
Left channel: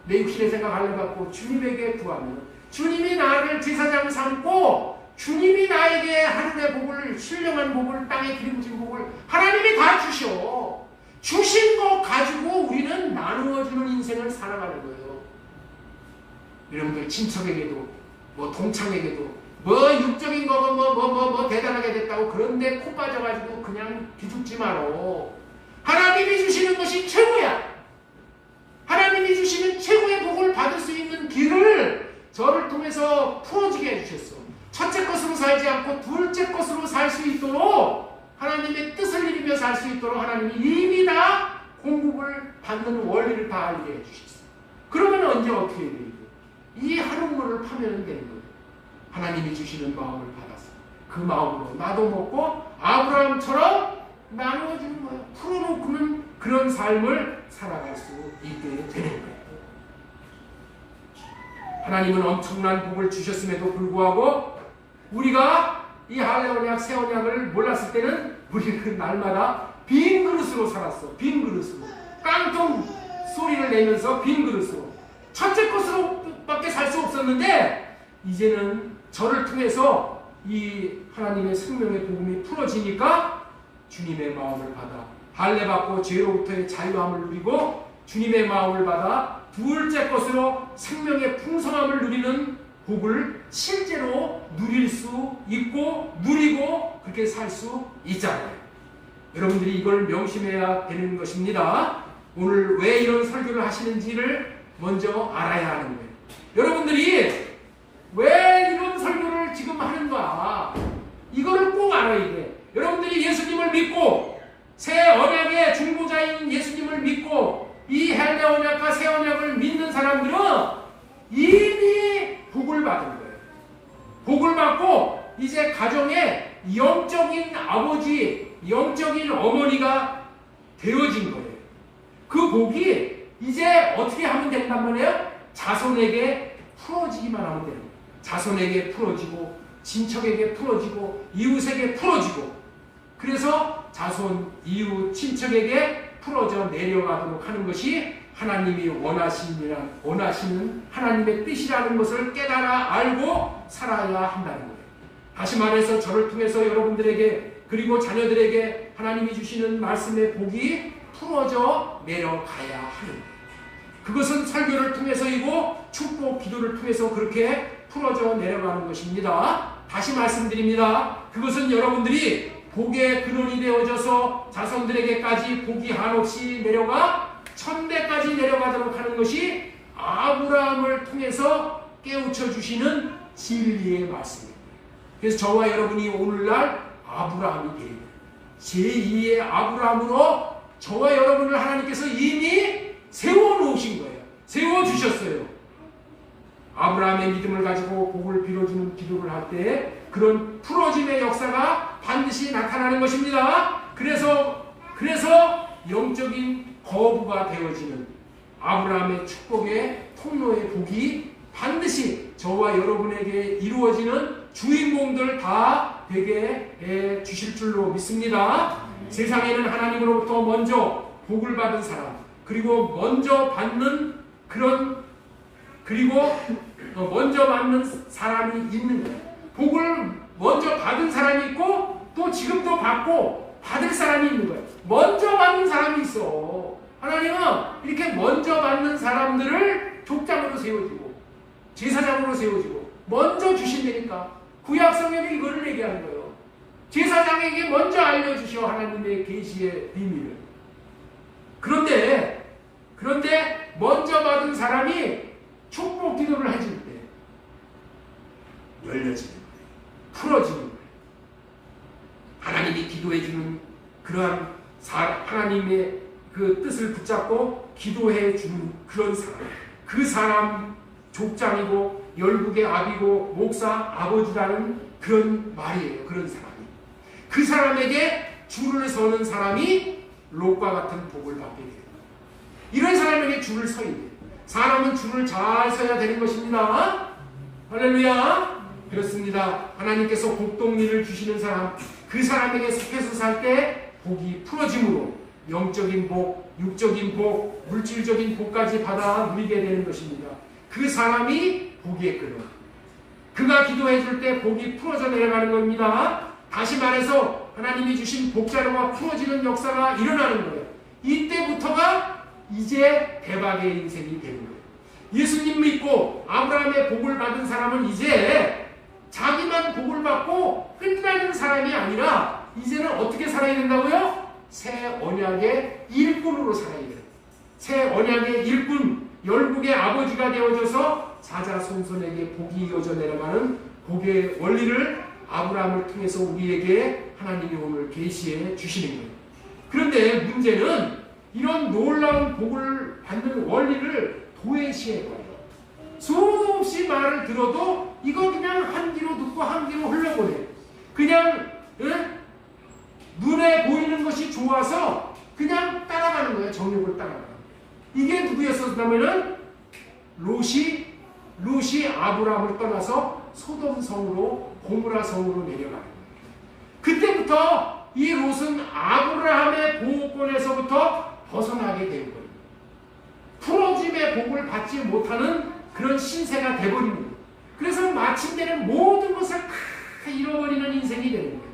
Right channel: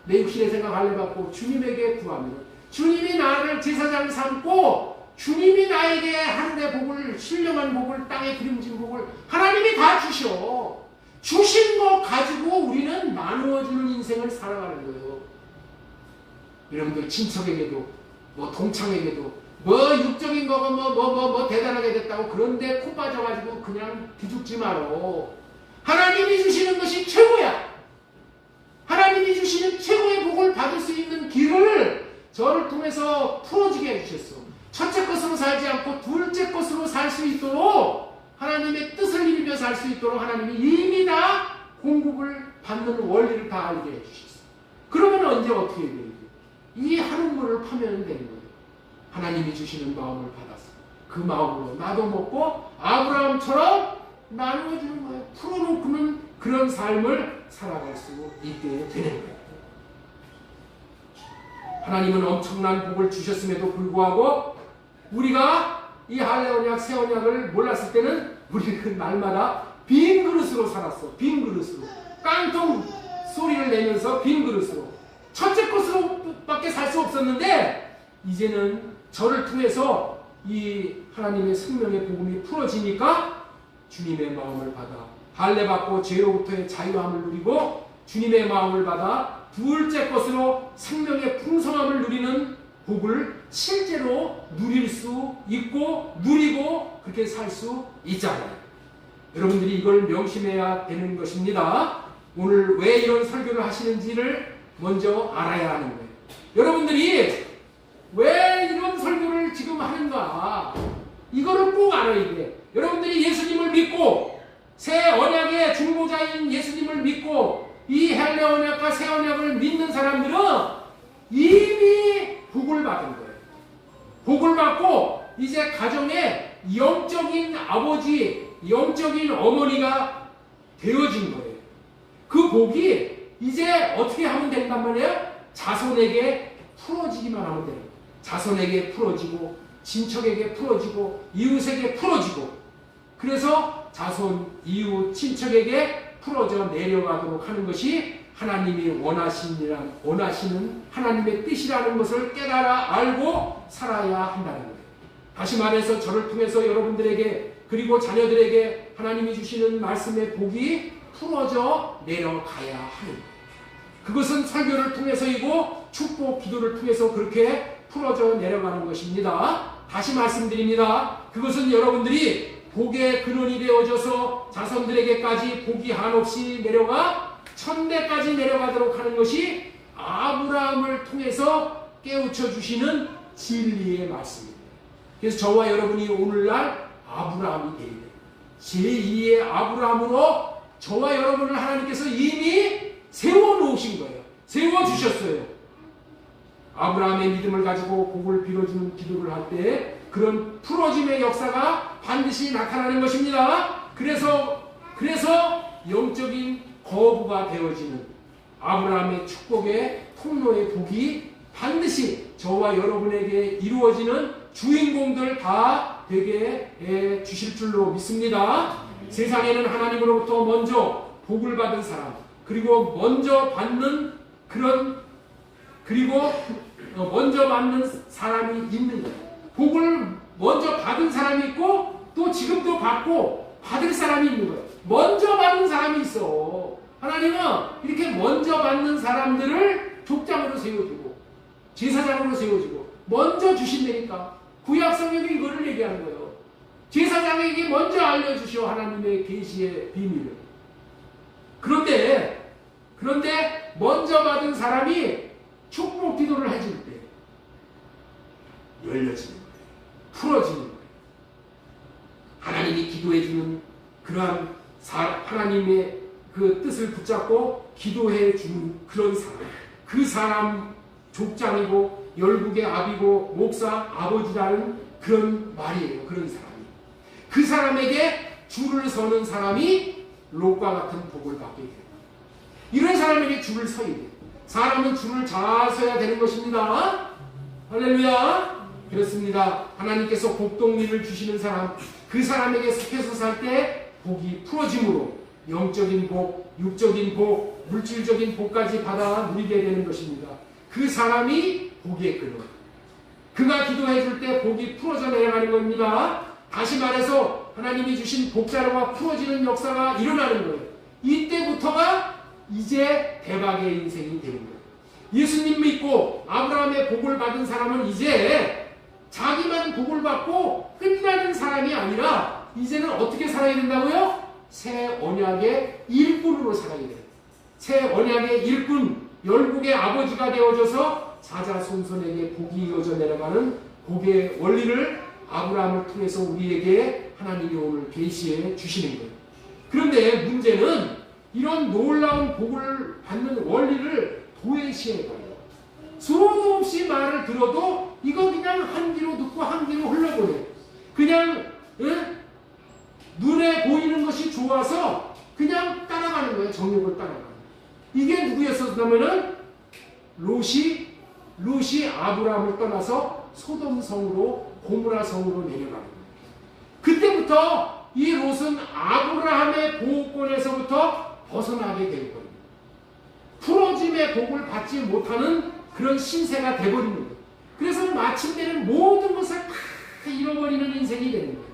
내 육신의 생각 할례받고 주님에게 구하면 주님이 나를 제사장을 삼고 주님이 나에게 하늘의 복을 신령한 복을 땅에 기름진 복을 하나님이 다 주셔. 주신 거 가지고 우리는 나누어주는 인생을 살아가는 거예요. 여러분들 친척에게도 뭐 동창에게도 뭐 육적인 거고 뭐 대단하게 됐다고 그런데 코 빠져가지고 그냥 기죽지 말어. 하나님이 주시는 것이 최고야. 하나님이 주시는 최고의 복을 받을 수 있는 길을 저를 통해서 풀어지게 해주셨어. 첫째 것으로 살지 않고 둘째 것으로 살 수 있도록 하나님의 뜻을 이루며 살 수 있도록 하나님이 이미 다 공급을 받는 원리를 다 알게 해주셨어. 그러면 언제 어떻게 해야 돼? 이 하룻물을 파면 되는 거예요. 하나님이 주시는 마음을 받아서 그 마음으로 나도 먹고 아브라함처럼 나누어주는 거예요. 풀어놓고는 그런 삶을 살아갈 수 있게 되는 거예요. 하나님은 엄청난 복을 주셨음에도 불구하고 우리가 이 할례 언약, 새 언약을 몰랐을 때는 우리는 날마다 빈 그릇으로 살았어. 빈 그릇으로. 깡통 소리를 내면서 빈 그릇으로. 첫째 것으로밖에 살 수 없었는데 이제는 저를 통해서 이 하나님의 생명의 복음이 풀어지니까 주님의 마음을 받아 할례받고 죄로부터의 자유함을 누리고 주님의 마음을 받아 둘째 것으로 생명의 풍성함을 누리는 복을 실제로 누릴 수 있고 누리고 그렇게 살 수 있잖아요. 여러분들이 이걸 명심해야 되는 것입니다. 오늘 왜 이런 설교를 하시는지를 먼저 알아야 하는 거예요. 여러분들이 왜 이런 설교를 지금 하는가? 이거를 꼭 알아야 돼. 여러분들이 예수님을 믿고 새 언약의 중보자인 예수님을 믿고 이 할례 언약과 새 언약을 믿는 사람들은 이미 복을 받은 거예요. 복을 받고 이제 가정에 영적인 아버지, 영적인 어머니가 되어진 거예요. 그 복이 이제 어떻게 하면 된단 말이에요? 자손에게 풀어지기만 하면 되는 거예요. 자손에게 풀어지고 친척에게 풀어지고 이웃에게 풀어지고 그래서 자손, 이웃, 친척에게 풀어져 내려가도록 하는 것이 하나님이 원하시는 하나님의 뜻이라는 것을 깨달아 알고 살아야 한다는 거예요. 다시 말해서 저를 통해서 여러분들에게 그리고 자녀들에게 하나님이 주시는 말씀의 복이 풀어져 내려가야 하는 거예요. 그것은 설교를 통해서이고 축복 기도를 통해서 그렇게 풀어져 내려가는 것입니다. 다시 말씀드립니다. 그것은 여러분들이 복의 근원이 되어져서 자손들에게까지 복이 한없이 내려가 천대까지 내려가도록 하는 것이 아브라함을 통해서 깨우쳐 주시는 진리의 말씀입니다. 그래서 저와 여러분이 오늘날 아브라함이 되는 제2의 아브라함으로 저와 여러분을 하나님께서 이미 세워놓으신 거예요. 세워주셨어요. 아브라함의 믿음을 가지고 복을 빌어주는 기도를 할 때 그런 풀어짐의 역사가 반드시 나타나는 것입니다. 그래서 영적인 거부가 되어지는 아브라함의 축복의 통로의 복이 반드시 저와 여러분에게 이루어지는 주인공들 다 되게 해 주실 줄로 믿습니다. 세상에는 하나님으로부터 먼저 복을 받은 사람, 그리고 먼저 받는 사람이 있는 거예요. 복을 먼저 받은 사람이 있고 또 지금도 받고 받을 사람이 있는 거예요. 먼저 받는 사람이 있어. 하나님은 이렇게 먼저 받는 사람들을 족장으로 세워주고 제사장으로 세워주고 먼저 주신다니까. 구약 성경이 이거를 얘기하는 거예요. 제사장에게 먼저 알려주시오. 하나님의 계시의 비밀을. 그런데 먼저 받은 사람이 축복 기도를 해줄 때 열려지는 거예요. 풀어지는 거예요. 하나님이 기도해주는 그러한 하나님의 그 뜻을 붙잡고 기도해주는 그런 사람. 그 사람 족장이고 열국의 아비고 목사 아버지라는 그런 말이에요. 그런 사람이. 그 사람에게 줄을 서는 사람이 롯과 같은 복을 받게 돼요. 이런 사람에게 줄을 서야 돼요. 사람은 줄을 잘 서야 되는 것입니다. 할렐루야. 그렇습니다. 하나님께서 복동리를 주시는 사람, 그 사람에게 속해서 살 때 복이 풀어짐으로 영적인 복, 육적인 복, 물질적인 복까지 받아 누리게 되는 것입니다. 그 사람이 복의 근원. 그가 기도해 줄 때 복이 풀어져 내려가는 겁니다. 다시 말해서 하나님이 주신 복자로가 풀어지는 역사가 일어나는 거예요. 이때부터가 이제 대박의 인생이 되는 거예요. 예수님 믿고 아브라함의 복을 받은 사람은 이제 자기만 복을 받고 끝나는 사람이 아니라 이제는 어떻게 살아야 된다고요? 새 언약의 일꾼으로 살아야 돼요. 새 언약의 일꾼, 열국의 아버지가 되어져서 자자손손에게 복이 이어져 내려가는 복의 원리를 아브라함을 통해서 우리에게 하나님이 오늘 계시해 주시는 거예요. 그런데 문제는 이런 놀라운 복을 받는 원리를 도외시해버려요. 수도 없이 말을 들어도 이거 그냥 한 귀로 듣고 한 귀로 흘려보내. 그냥 눈에 보이는 것이 좋아서 그냥 따라가는 거예요. 정욕을 따라가는. 이게 누구였었냐면은 롯이 아브라함을 떠나서 소돔성으로 고무라 성으로 내려가는 거예요. 그때부터 이 롯은 아브라함의 보호권에서부터 벗어나게 된 거예요. 풀어짐의 복을 받지 못하는 그런 신세가 돼버리는 거예요. 그래서 마침내는 모든 것을 다 잃어버리는 인생이 되는 거예요.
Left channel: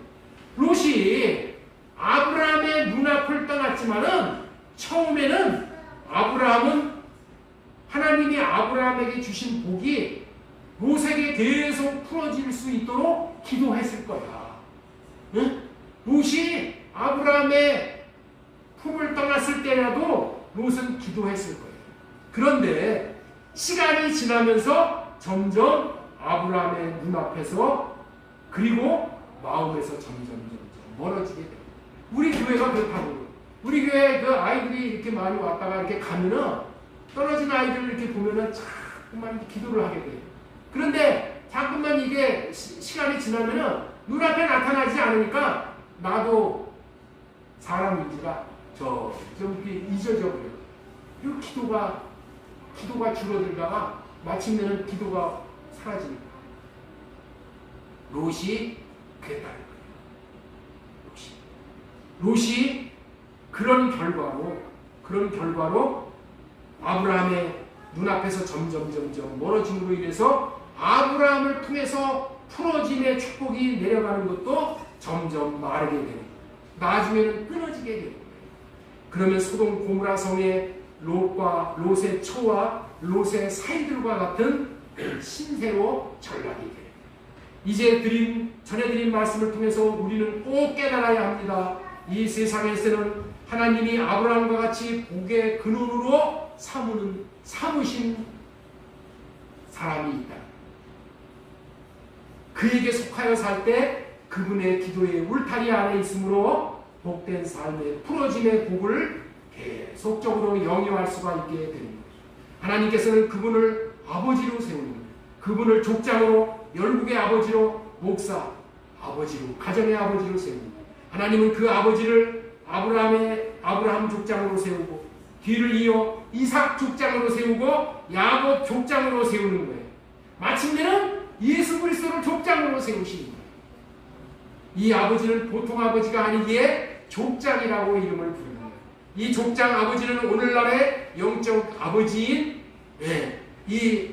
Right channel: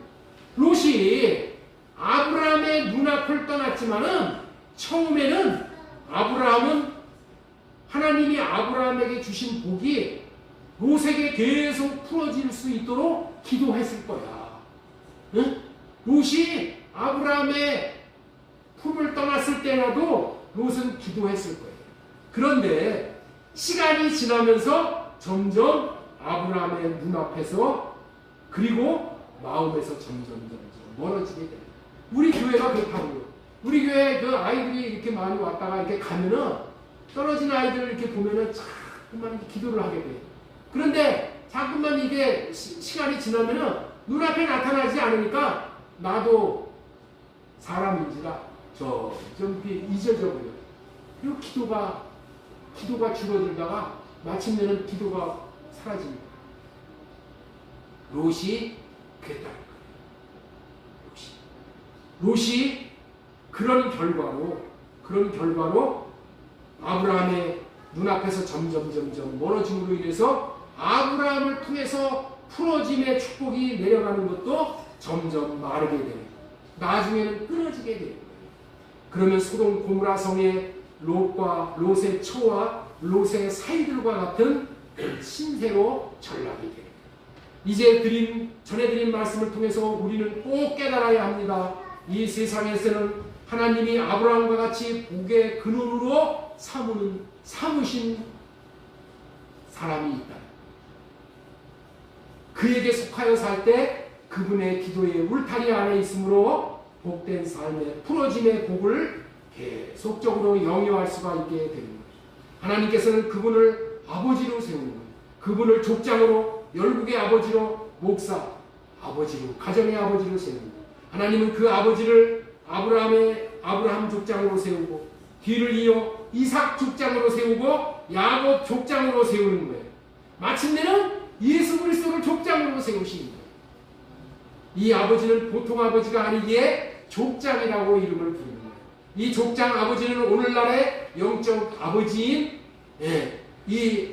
롯이 아브라함의 눈앞을 떠났지만은 처음에는 아브라함은 하나님이 아브라함에게 주신 복이 롯에게 계속 풀어질 수 있도록 기도했을 거야. 응? 롯이 아브라함의 품을 떠났을 때라도 롯은 기도했을 거예요. 그런데 시간이 지나면서 점점 아브라함의 눈앞에서 그리고 마음에서 점점 멀어지게 됩니다. 우리 교회가 그렇다고요. 우리 교회 그 아이들이 이렇게 많이 왔다가 이렇게 가면은 떨어진 아이들을 이렇게 보면은 자꾸만 기도를 하게 돼요. 그런데 자꾸만 이게 시간이 지나면은 눈앞에 나타나지 않으니까 나도 사람인지라 좀 이렇게 잊어져 버려요. 그리고 기도가 줄어들다가 마침내는 기도가 사라집니다. 롯이 그랬다는 거예요. 롯이 그런 결과로 아브라함의 눈앞에서 점점 멀어짐으로 인해서 아브라함을 통해서 풀어짐의 축복이 내려가는 것도 점점 마르게 되는 거예요. 나중에는 끊어지게 되는 거예요. 그러면 소돔 고모라 성의 롯의 처와 롯의 사이들과 같은 신세로 전락이 돼요. 이제 전해드린 말씀을 통해서 우리는 꼭 깨달아야 합니다. 이 세상에서는 하나님이 아브라함과 같이 복의 근원으로 삼으신 사람이 있다. 그에게 속하여 살 때 그분의 기도의 울타리 안에 있으므로 복된 삶의 풀어짐의 복을 계속적으로 영위할 수가 있게 됩니다. 하나님께서는 그분을 아버지로 세우는 거예요. 그분을 족장으로, 열국의 아버지로, 목사 아버지로, 가정의 아버지로 세우는 거예요. 하나님은 그 아버지를 아브라함 족장으로 세우고 뒤를 이어 이삭 족장으로 세우고 야곱 족장으로 세우는 거예요. 마침내는 예수 그리스도를 족장으로 세우시는 거예요. 이 아버지는 보통 아버지가 아니기에 족장이라고 이름을 부르는 거예요. 이 족장 아버지는 오늘날의 영적 아버지인 이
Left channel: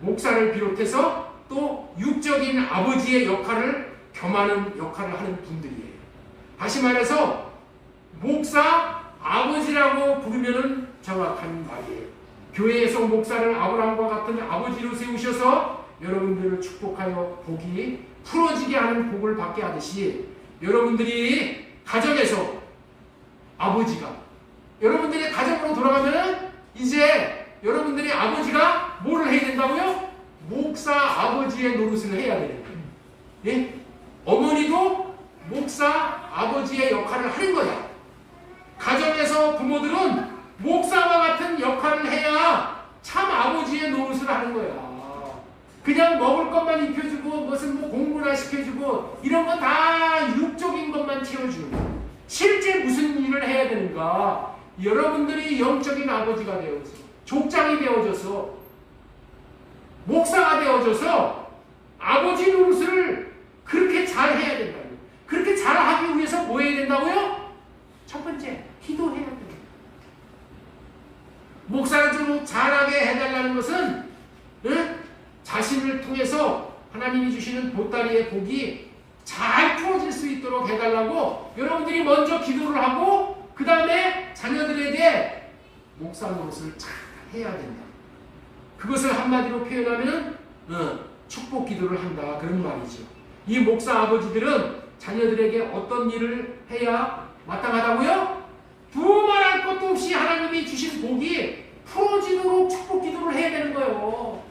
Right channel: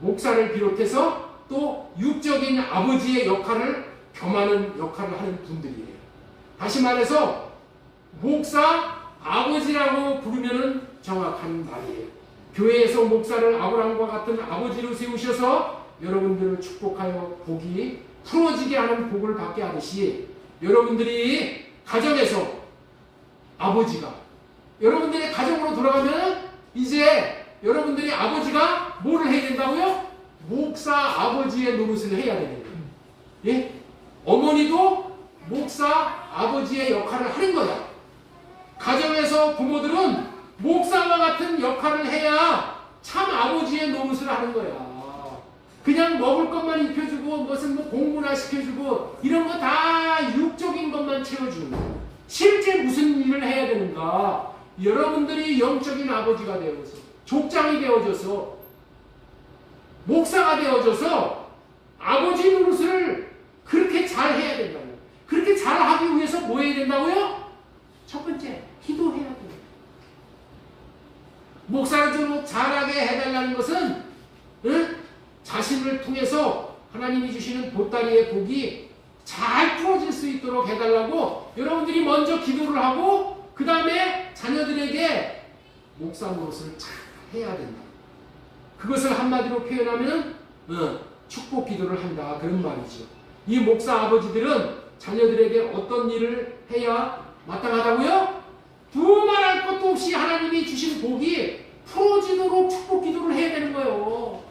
목사를 비롯해서 또 육적인 아버지의 역할을 겸하는 역할을 하는 분들이에요. 다시 말해서 목사 아버지라고 부르면은 정확한 말이에요. 교회에서 목사를 아브라함과 같은 아버지로 세우셔서 여러분들을 축복하여 복이 풀어지게 하는 복을 받게 하듯이 여러분들이 가정에서 아버지가 여러분들이 가정으로 돌아가면 이제 여러분들이 아버지가 뭐를 해야 된다고요? 목사 아버지의 노릇을 해야 되는 거예요. 예? 어머니도 목사 아버지의 역할을 하는 거야. 가정에서 부모들은 목사와 같은 역할을 해야 참 아버지의 노릇을 하는 거야. 그냥 먹을 것만 입혀주고 무슨 공부나 시켜주고 이런 거 다 육적인 것만 채워주는 거야. 실제 무슨 일을 해야 되는가? 여러분들이 영적인 아버지가 되어서 족장이 되어져서 목사가 되어져서 아버지 노릇을 그렇게 잘 해야 된다고요. 그렇게 잘 하기 위해서 뭐 해야 된다고요? 첫 번째, 기도해야 돼요. 목사를 좀 잘하게 해달라는 것은 자신을 통해서 하나님이 주시는 보따리의 복이 잘 풀어질 수 있도록 해달라고 여러분들이 먼저 기도를 하고 그 다음에 자녀들에게 목사 노릇을 잘 해야 된다. 그것을 한마디로 표현하면 축복 기도를 한다. 그런 말이죠. 이 목사 아버지들은 자녀들에게 어떤 일을 해야 마땅하다고요? 두말할 것도 없이 하나님이 주신 복이 풀어지도록 축복 기도를 해야 되는 거예요.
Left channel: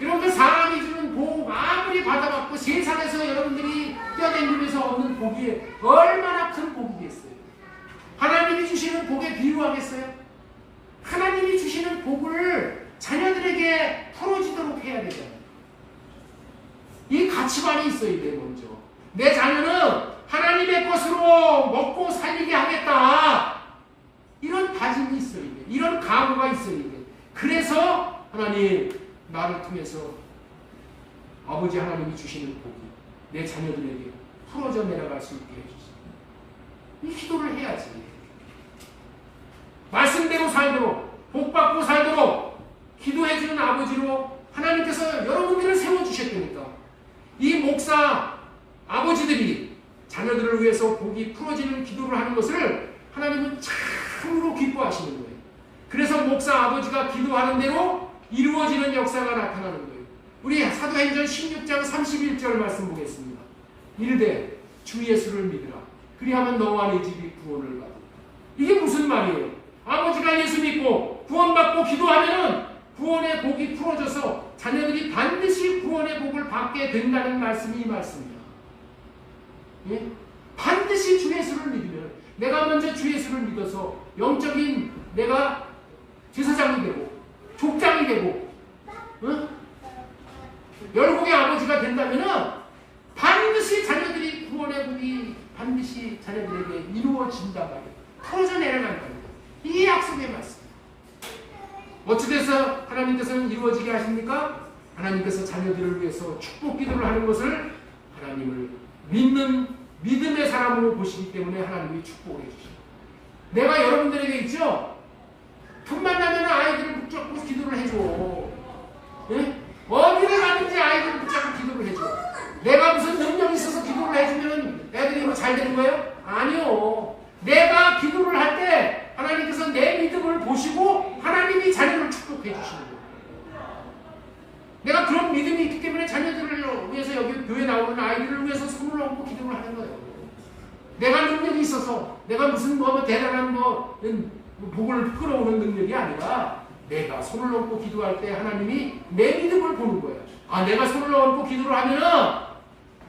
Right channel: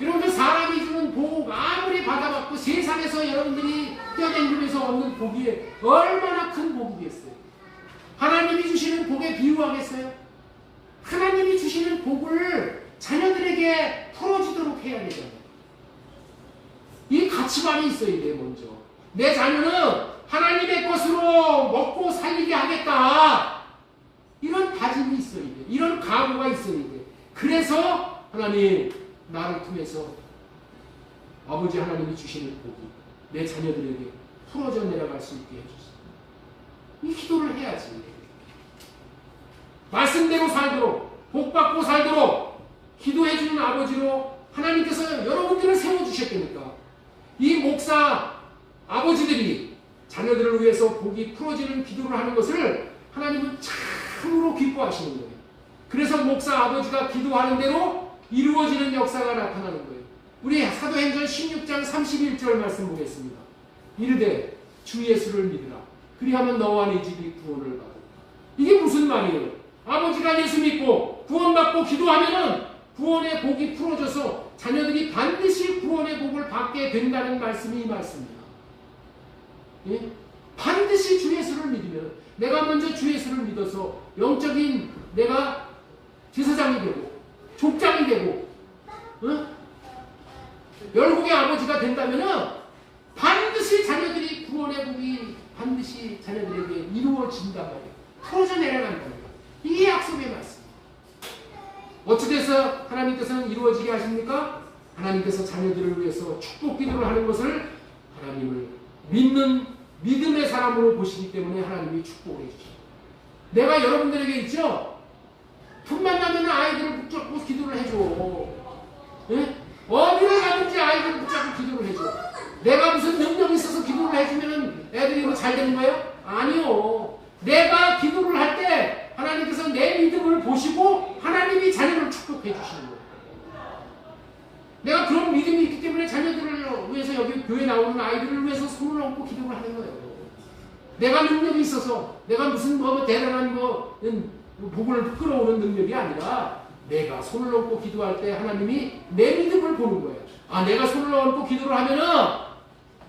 여러분들 사람이 주는 복 아무리 받아받고 세상에서 여러분들이 뛰어다니면서 얻는 복이 얼마나 큰 복이겠어요. 하나님이 주시는 복에 비유하겠어요? 하나님이 주시는 복을 자녀들에게 풀어지도록 해야 되잖아요. 이 가치관이 있어야 돼. 먼저 내 자녀는 하나님의 것으로 먹고 살리게 하겠다. 이런 다짐이 있어야 돼. 이런 각오가 있어야 돼. 그래서 하나님 나를 통해서 아버지 하나님이 주시는 복이 내 자녀들에게 풀어져 내려갈 수 있게 해주세요. 이 기도를 해야지. 말씀대로 살도록 복받고 살도록 기도해주는 아버지로 하나님께서 여러분들을 세워주셨다니까. 이 목사 아버지들이 자녀들을 위해서 복이 풀어지는 기도를 하는 것을 하나님은 참으로 기뻐하시는 거예요. 그래서 목사 아버지가 기도하는 대로 이루어지는 역사가 나타나는 거예요. 우리 사도행전 16장 31절 말씀 보겠습니다. 이르되 주 예수를 믿으라. 그리하면 너와 네 집이 구원을 받으리라. 이게 무슨 말이에요? 아버지가 예수 믿고 구원받고 기도하면은 구원의 복이 풀어져서 자녀들이 반드시 구원의 복을 받게 된다는 말씀이 이 말씀이에요. 예? 반드시 주 예수를 믿으면 내가 먼저 주 예수를 믿어서 영적인 내가 제사장이 되고 족장이 되고 열국의 아버지가 된다면은 반드시 자녀들이 구원의 복이 반드시 자녀들에게 이루어진단 말이에요. 풀어져 내려간단 말이에요. 이 약속의 말씀. 어찌돼서 하나님께서는 이루어지게 하십니까? 하나님께서 자녀들을 위해서 축복 기도를 하는 것을 하나님을 믿는 믿음의 사람으로 보시기 때문에 하나님이 축복을 해주십니다. 내가 여러분들에게 있죠? 틈만 나면 아이들을 붙잡고 기도를 해줘. 예? 어디를 가든지 아이들을 붙잡고 기도를 해줘. 내가 무슨 능력이 있어서 기도를 해주면 애들이 뭐 잘 되는 거예요? 아니요. 내가 기도를 할 때 하나님께서 내 믿음을 보시고 하나님이 자녀를 축복해 주시는 거예요. 내가 그런 믿음이 있기 때문에 자녀들을 위해서 여기 교회 나오는 아이들을 위해서 손을 얹고 기도를 하는 거예요. 내가 능력이 있어서 내가 무슨 뭐 대단한 복을 끌어오는 능력이 아니라 내가 손을 얹고 기도할 때 하나님이 내 믿음을 보는 거예요. 아, 내가 손을 얹고 기도를 하면은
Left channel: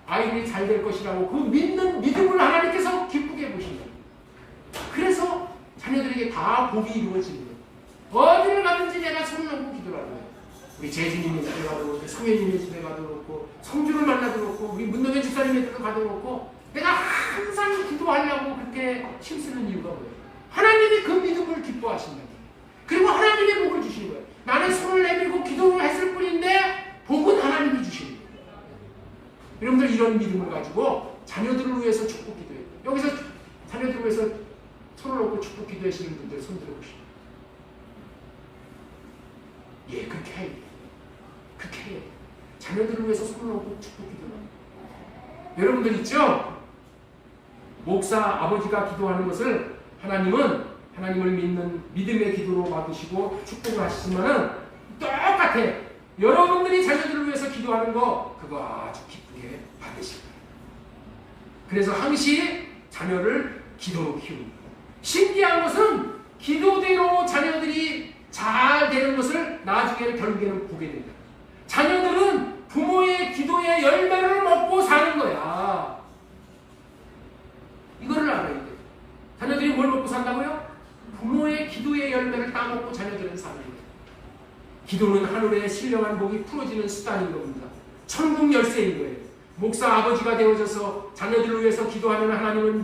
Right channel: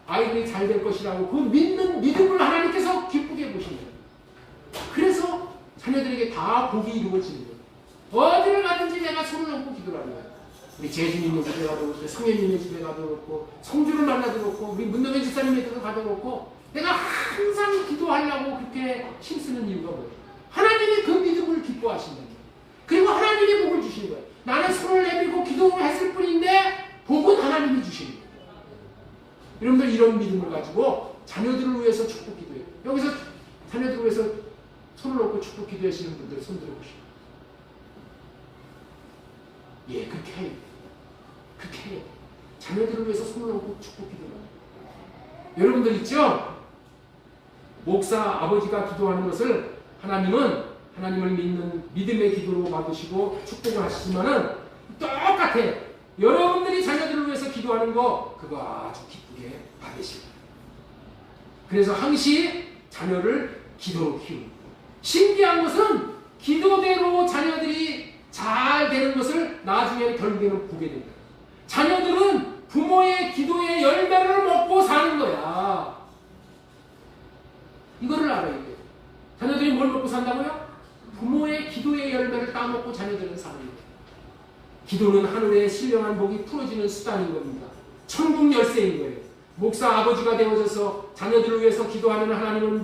아이들이 잘 될 것이라고 그 믿는 믿음을 하나님께서 기쁘게 보시는 거예요. 그래서 자녀들에게 다 복이 이루어지는 거예요. 어디를 가든지 내가 손을 얹고 기도를 하는 거예요. 우리 재준이네 집에 가도 그렇고 성현이네 집에 가도 그렇고 성주를 만나도 그렇고 우리 문동현 집사님네 집에 가도 그렇고 내가 항상 기도하려고 그렇게 힘쓰는 이유가 뭐예요? 하나님이 그 믿음을 기뻐하신다는 거예요. 그리고 하나님의 복을 주시는 거예요. 나는 손을 내밀고 기도를 했을 뿐인데 복은 하나님이 주시는 거예요. 여러분들 이런 믿음을 가지고 자녀들을 위해서 축복 기도해요. 여기서 자녀들을 위해서 손을 얹고 축복 기도하시는 분들 손 들어보시죠. 예, 그렇게 해요. 그렇게 해요. 자녀들을 위해서 손을 얹고 축복 기도를 합니다. 여러분들 있죠? 목사 아버지가 기도하는 것을 하나님을 믿는 믿음의 기도로 받으시고 축복을 하시지만은 똑같아요. 여러분들이 자녀들을 위해서 기도하는 거 그거 아주 기쁘게 받으실 거예요. 그래서 항시 자녀를 기도로 키우는 거예요. 신기한 것은 기도대로 자녀들이 잘 되는 것을 나중에는 결국에는 보게 된다. 자녀들은 부모의 기도의 열매를 먹고 사는 거야. 이거를 알아야 돼요. 자녀들이 뭘 먹고 산다고요? 부모의 기도의 열매를 따먹고 자녀들은 사는 거예요. 기도는 하늘의 신령한 복이 풀어지는 수단인 겁니다. 천국 열쇠인 거예요. 목사 아버지가 되어져서 자녀들을 위해서 기도하는 하나님은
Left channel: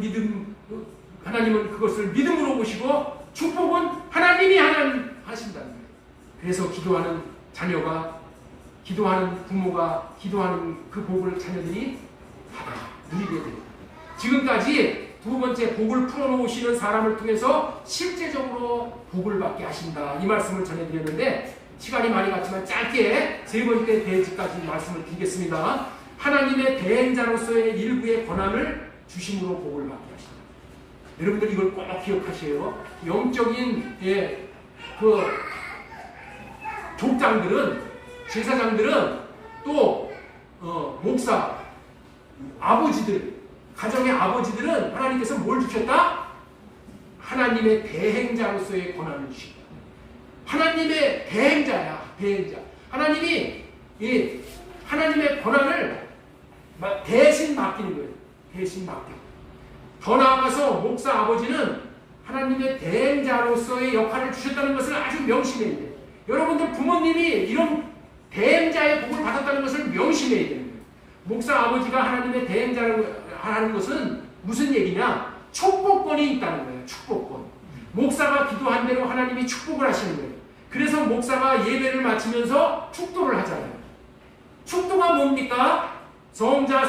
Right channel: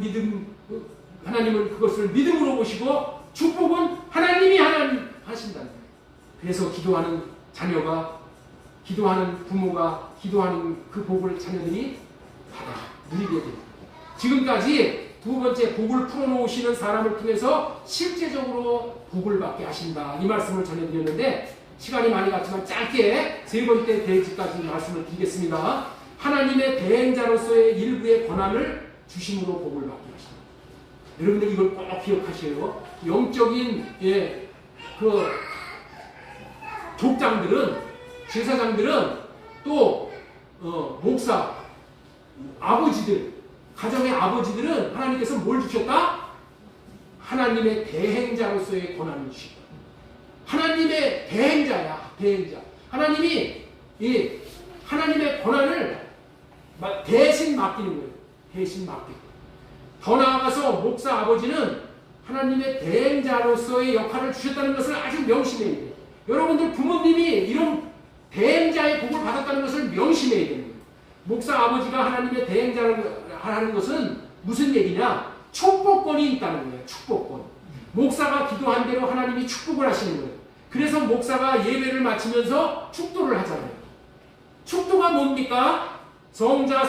그것을 믿음으로 보시고 축복은 하나님이 하신다는 거예요. 그래서 기도하는 자녀가, 기도하는 부모가, 기도하는 그 복을 자녀들이 받아 누리게 됩니다. 지금까지 두 번째 복을 풀어놓으시는 사람을 통해서 실제적으로 복을 받게 하신다. 이 말씀을 전해드렸는데 시간이 많이 갔지만 짧게 세 번째 대지까지 말씀을 드리겠습니다. 하나님의 대행자로서의 일부의 권한을 주심으로 복을 받게 하신다. 여러분들 이걸 꼭 기억하셔요. 영적인 그 족장들은, 제사장들은 또 목사, 아버지들, 가정의 아버지들은 하나님께서 뭘 주셨다? 하나님의 대행자로서의 권한을 주신 거야. 하나님의 대행자야, 대행자. 하나님이 이 하나님의 권한을 대신 맡기는 거예요. 대신 맡기고. 더 나아가서 목사 아버지는 하나님의 대행자로서의 역할을 주셨다는 것을 아주 명심해야 돼요. 여러분들 부모님이 이런 대행자의 복을 받았다는 것을 명심해야 되는 거예요. 목사 아버지가 하나님의 대행자라는 하는 것은 무슨 얘기냐? 축복권이 있다는 거예요. 축복권. 목사가 기도한 대로 하나님이 축복을 하시는 거예요. 그래서 목사가 예배를 마치면서 축도를 하잖아요. 축도가 뭡니까? 성자와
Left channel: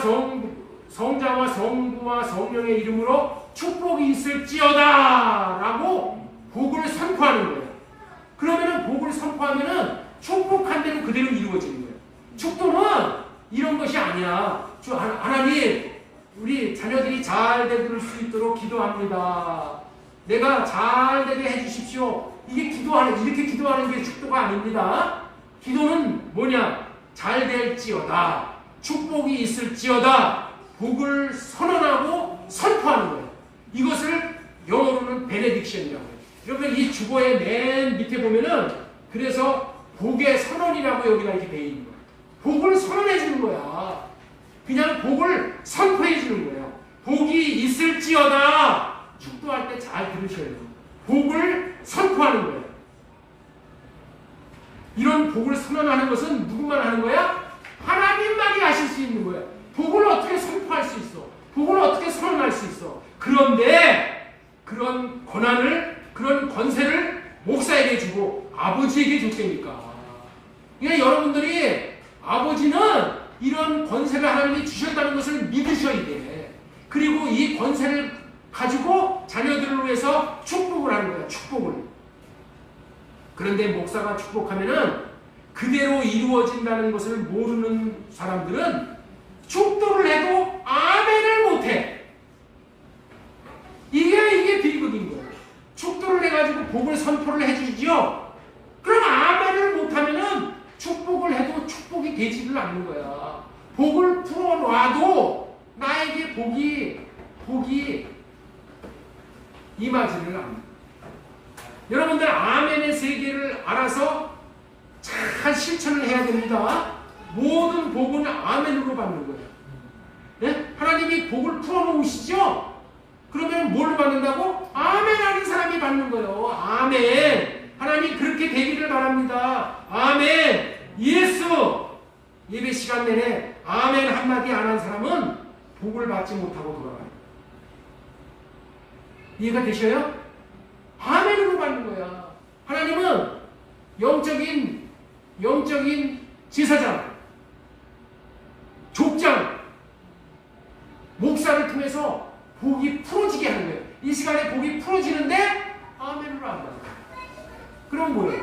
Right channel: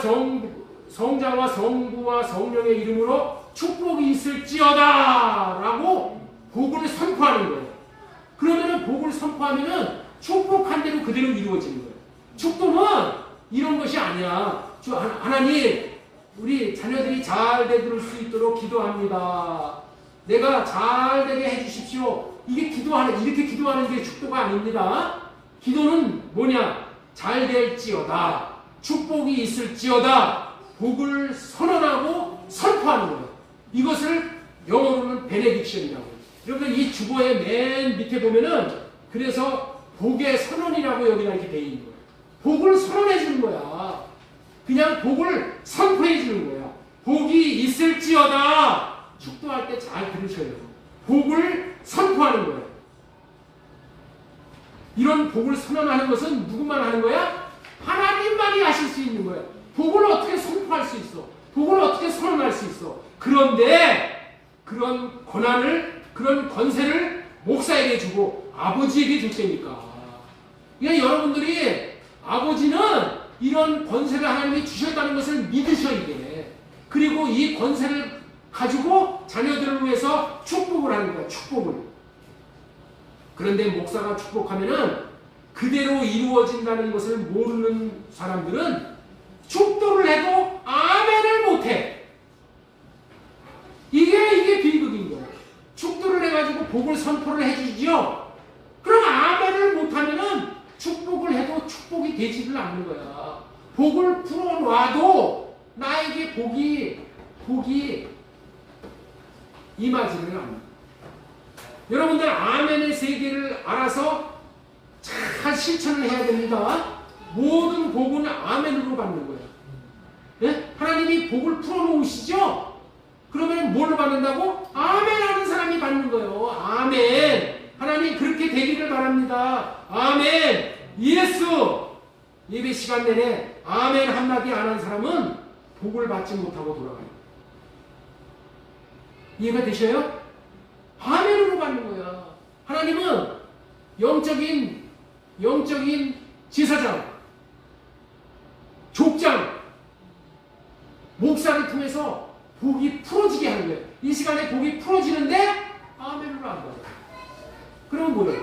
성부와 성령의 이름으로 축복이 있을지어다 라고 복을 선포하는 거예요. 그러면은 복을 선포하면은 축복한 대로 그대로 이루어지는 거예요. 축도는 이런 것이 아니야. 하나님, 우리 자녀들이 잘 되들 수 있도록 기도합니다. 내가 잘 되게 해주십시오. 이렇게 기도하는 게 축도가 아닙니다. 기도는 뭐냐? 잘 될지어다. 축복이 있을지어다. 복을 선언하고 선포하는 거예요. 이것을 영어로는 베네딕션이라고 해요. 여러분 이 주보의 맨 밑에 보면은 그래서 복의 선언이라고 여기다 이렇게 돼 있는 거예요. 복을 선언해 주는 거야. 그냥 복을 선포해 주는 거예요. 복이 있을지어다. 축도할 때 잘 들으셔야 돼요. 복을 선포하는 거예요. 이런 복을 선언하는 것은 누구만 하는 거야? 하나님만이 하실 수 있는 거예요. 복을 어떻게 선포할 수 있어? 복을 어떻게 선언할 수 있어? 그런데 그런 권한을, 그런 권세를 목사에게 주고 아버지에게 줬다니까. 그러니까 여러분들이 아버지는 이런 권세를 하나님이 주셨다는 것을 믿으셔야 돼. 그리고 이 권세를 가지고 자녀들을 위해서 축복을 하는 거야. 축복을. 그런데 목사가 축복하면은 그대로 이루어진다는 것을 모르는 사람들은 축도를 해도 아멘을 못해. 이게 비극인 거예요. 축도를 해가지고 복을 선포를 해주지요. 그럼 아멘을 못하면은 축복을 해도 축복이 되지를 않는 거야. 복을 풀어놔도 나에게 복이 임하지를 않는. 여러분들 아멘의 세계를 알아서 잘 실천을 해야 됩니다. 모든 복은 아멘으로 받는 거예요. 예? 하나님이 복을 풀어놓으시죠? 그러면 뭘로 받는다고? 아멘 하는 사람이 받는 거예요. 아멘. 하나님 그렇게 되기를 바랍니다. 아멘. 예수. 예배 시간 내내 아멘 한마디 안 한 사람은 복을 받지 못하고 돌아가요. 이해가 되셔요? 아멘으로 받는 거야. 하나님은 영적인 지사장, 족장, 목사를 통해서 복이 풀어지게 하는 거예요. 이 시간에 복이 풀어지는데 아멘으로 안 받아요. 그럼 뭐예요?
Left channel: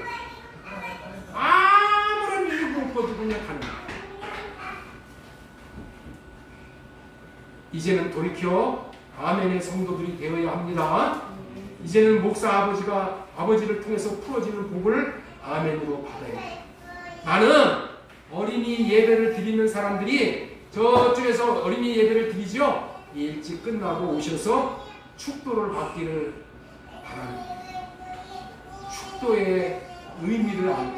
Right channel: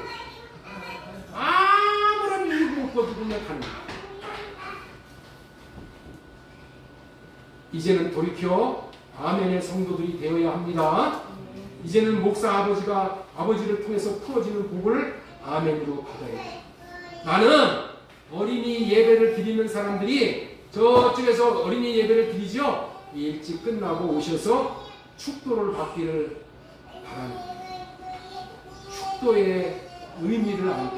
아무런 이유도 없고 그냥 가는 거예요. 이제는 돌이켜 아멘의 성도들이 되어야 합니다. 이제는 목사 아버지를 통해서 풀어지는 복을 아멘으로 받아야 돼요. 나는 어린이 예배를 드리는 사람들이 저쪽에서 어린이 예배를 드리죠. 일찍 끝나고 오셔서 축도를 받기를 바랍니다. 축도의 의미를 알고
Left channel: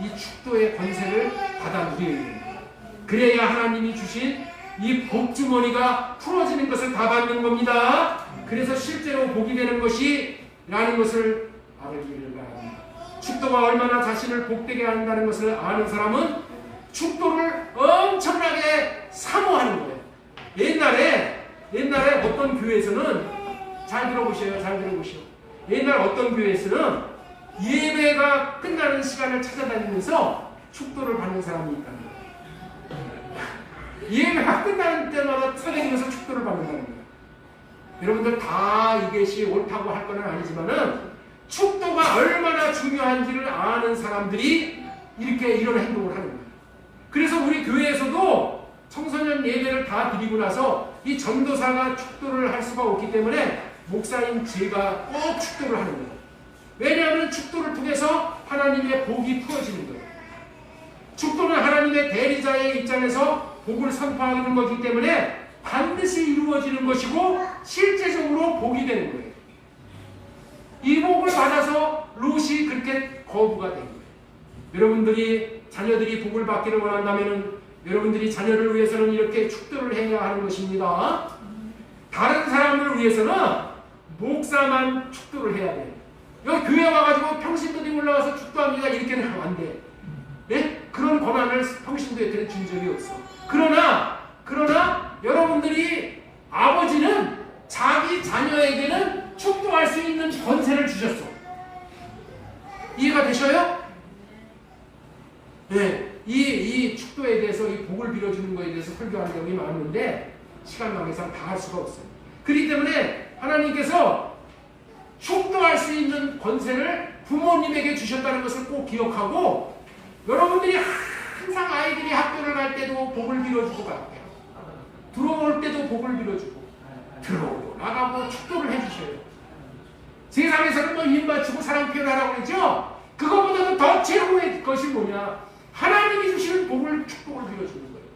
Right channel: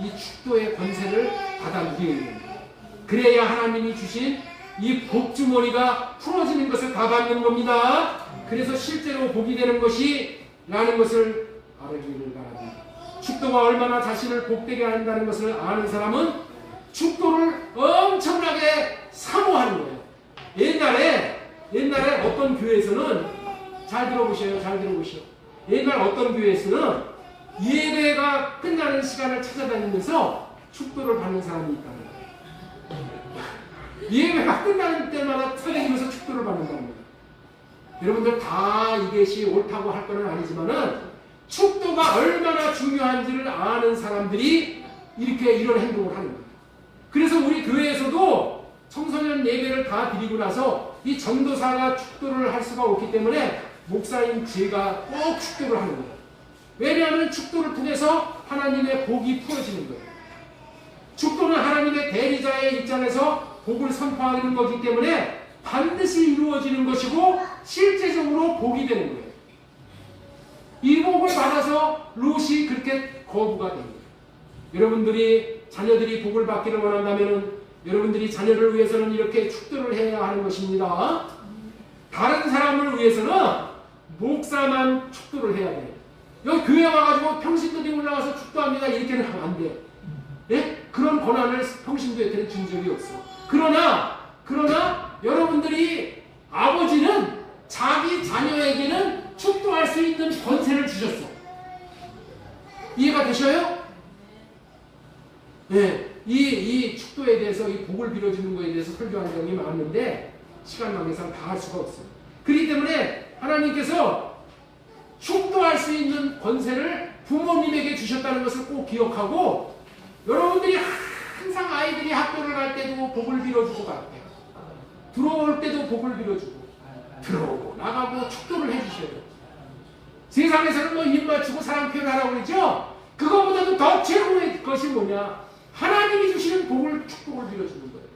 이 축도의 권세를 받아 누려야 됩니다. 그래야 하나님이 주신 이 복주머니가 풀어지는 것을 다 받는 겁니다. 그래서 실제로 복이 되는 것이라는 것을 알기를 바랍니다. 축도가 얼마나 자신을 복되게 한다는 것을 아는 사람은 축도를 엄청나게 사모하는 거예요. 옛날에 어떤 교회에서는 잘 들어보셔요. 옛날 어떤 교회에서는 예배가 끝나는 시간을 찾아다니면서 축도를 받는 사람이 있다는 거예요. 예배가 끝나는 때마다 찾아다니면서 축도를 받는다는 거예요. 여러분들 다 이것이 옳다고 할 건 아니지만은 축도가 얼마나 중요한지를 아는 사람들이 이렇게 이런 행동을 하는 거예요. 그래서 우리 교회에서도 청소년 예배를 다 드리고 나서 이 전도사가 축도를 할 수가 없기 때문에 목사인 제가 꼭 축도를 하는 거예요. 왜냐하면 축도를 통해서 하나님의 복이 풀어지는 거예요. 축도는 하나님의 대리자의 입장에서 복을 선포하는 거기 때문에 반드시 이루어지는 것이고 실제적으로 복이 되는 거예요. 이 복을 받아서 롯이 그렇게 거부가 된 거예요. 여러분들이 자녀들이 복을 받기를 원한다면 여러분들이 자녀를 위해서는 이렇게 축도를 해야 하는 것입니다. 다른 사람을 위해서는 목사만 축도를 해야 돼요. 여기 교회 와가지고 평신도들이 올라와서 축도합니다. 이렇게는 하면 안 돼요. 네? 그런 권한을 평신도에게는 준 적이 없어. 그러나 여러분들이 아버지는 자기 자녀에게는 축도할 수 있는 권세를 주셨어. 이해가 되셔요? 네. 이 축도에 대해서 이 복을 빌어주는 것에 대해서 설교한 적이 많은데 시간 관계상 다 할 수가 없어요. 그렇기 때문에 하나님께서 축도할 수 있는 권세를 부모님에게 주셨다는 것을 꼭 기억하고 여러분들이 항상 아이들이 학교를 갈 때도 복을 빌어주고 갈게요. 들어올 때도 복을 빌어주고 들어오고 나가고 축도를 해주셔요. 세상에서는 뭐 입 맞추고 사랑 표현하라고 그러죠. 그것보다도 더 최고의 것이 뭐냐? 하나님이 주시는 복을 축복을 빌어주는 거예요.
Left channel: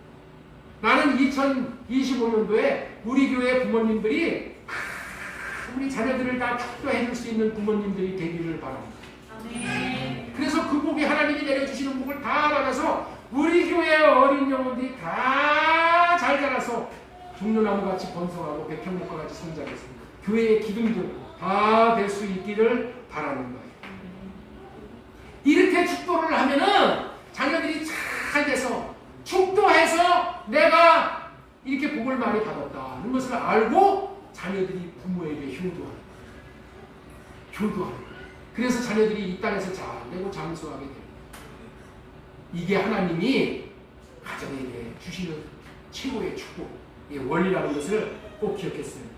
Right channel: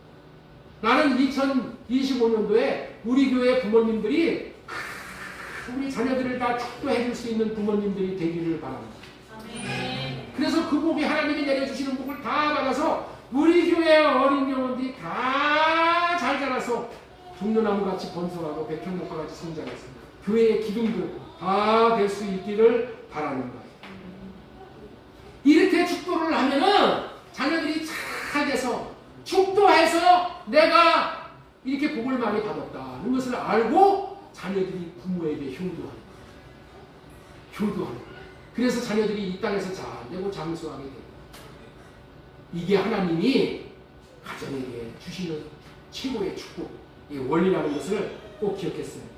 나는 2025년도에 우리 교회 부모님들이 우리 자녀들을 다 축도해 줄 수 있는 부모님들이 되기를 바랍니다. 그래서 그 복이 하나님이 내려주시는 복을 다 받아서 우리 교회의 어린 영혼들이 다 잘 자라서 종려나무같이 번성하고 백향목과같이 성장했습니다. 교회의 기둥들 다 될 수 있기를 바라는 거예요. 이렇게 축도를 하면은 자녀들이 잘 돼서 축도해서 내가 이렇게 복을 많이 받았다는 것을 알고 자녀들이 부모에게 효도하는 거예요. 그래서 자녀들이 이 땅에서 잘 되고 장수하게 됩니다. 이게 하나님이 가정에게 주시는 최고의 축복의 원리라는 것을 꼭 기억했으면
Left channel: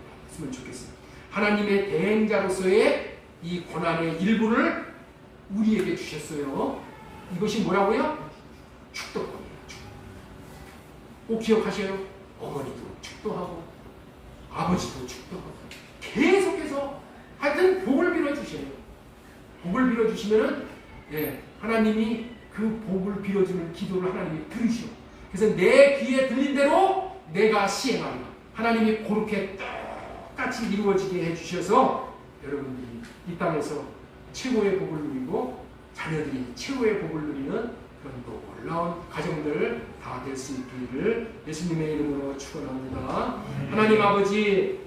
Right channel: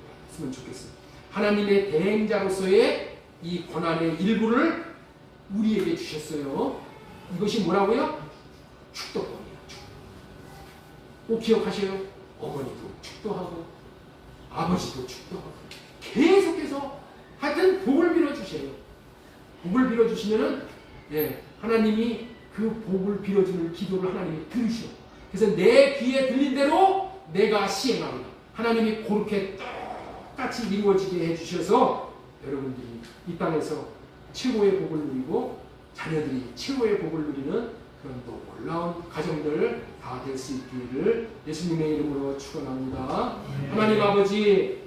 좋겠습니다. 하나님의 대행자로서의 이 고난의 일부를 우리에게 주셨어요. 이것이 뭐라고요? 축도법이에요. 꼭 기억하셔요. 어머니도 축도하고 아버지도 축도하고 계속해서 하여튼 복을 빌어주셔요. 복을 빌어주시면은 하나님이 그 복을 빌어주는 기도를 하나님이 들으셔. 그래서 내 귀에 들린 대로 내가 시행하리라. 하나님이 그렇게 똑같이 이루어지게 해주셔서 여러분들이 이 땅에서 최고의 복을 누리고 자녀들이 최고의 복을 누리는 그런 놀라운 가정들 다 될 수 있기를 예수님의 이름으로 축원합니다. 하나님 아버지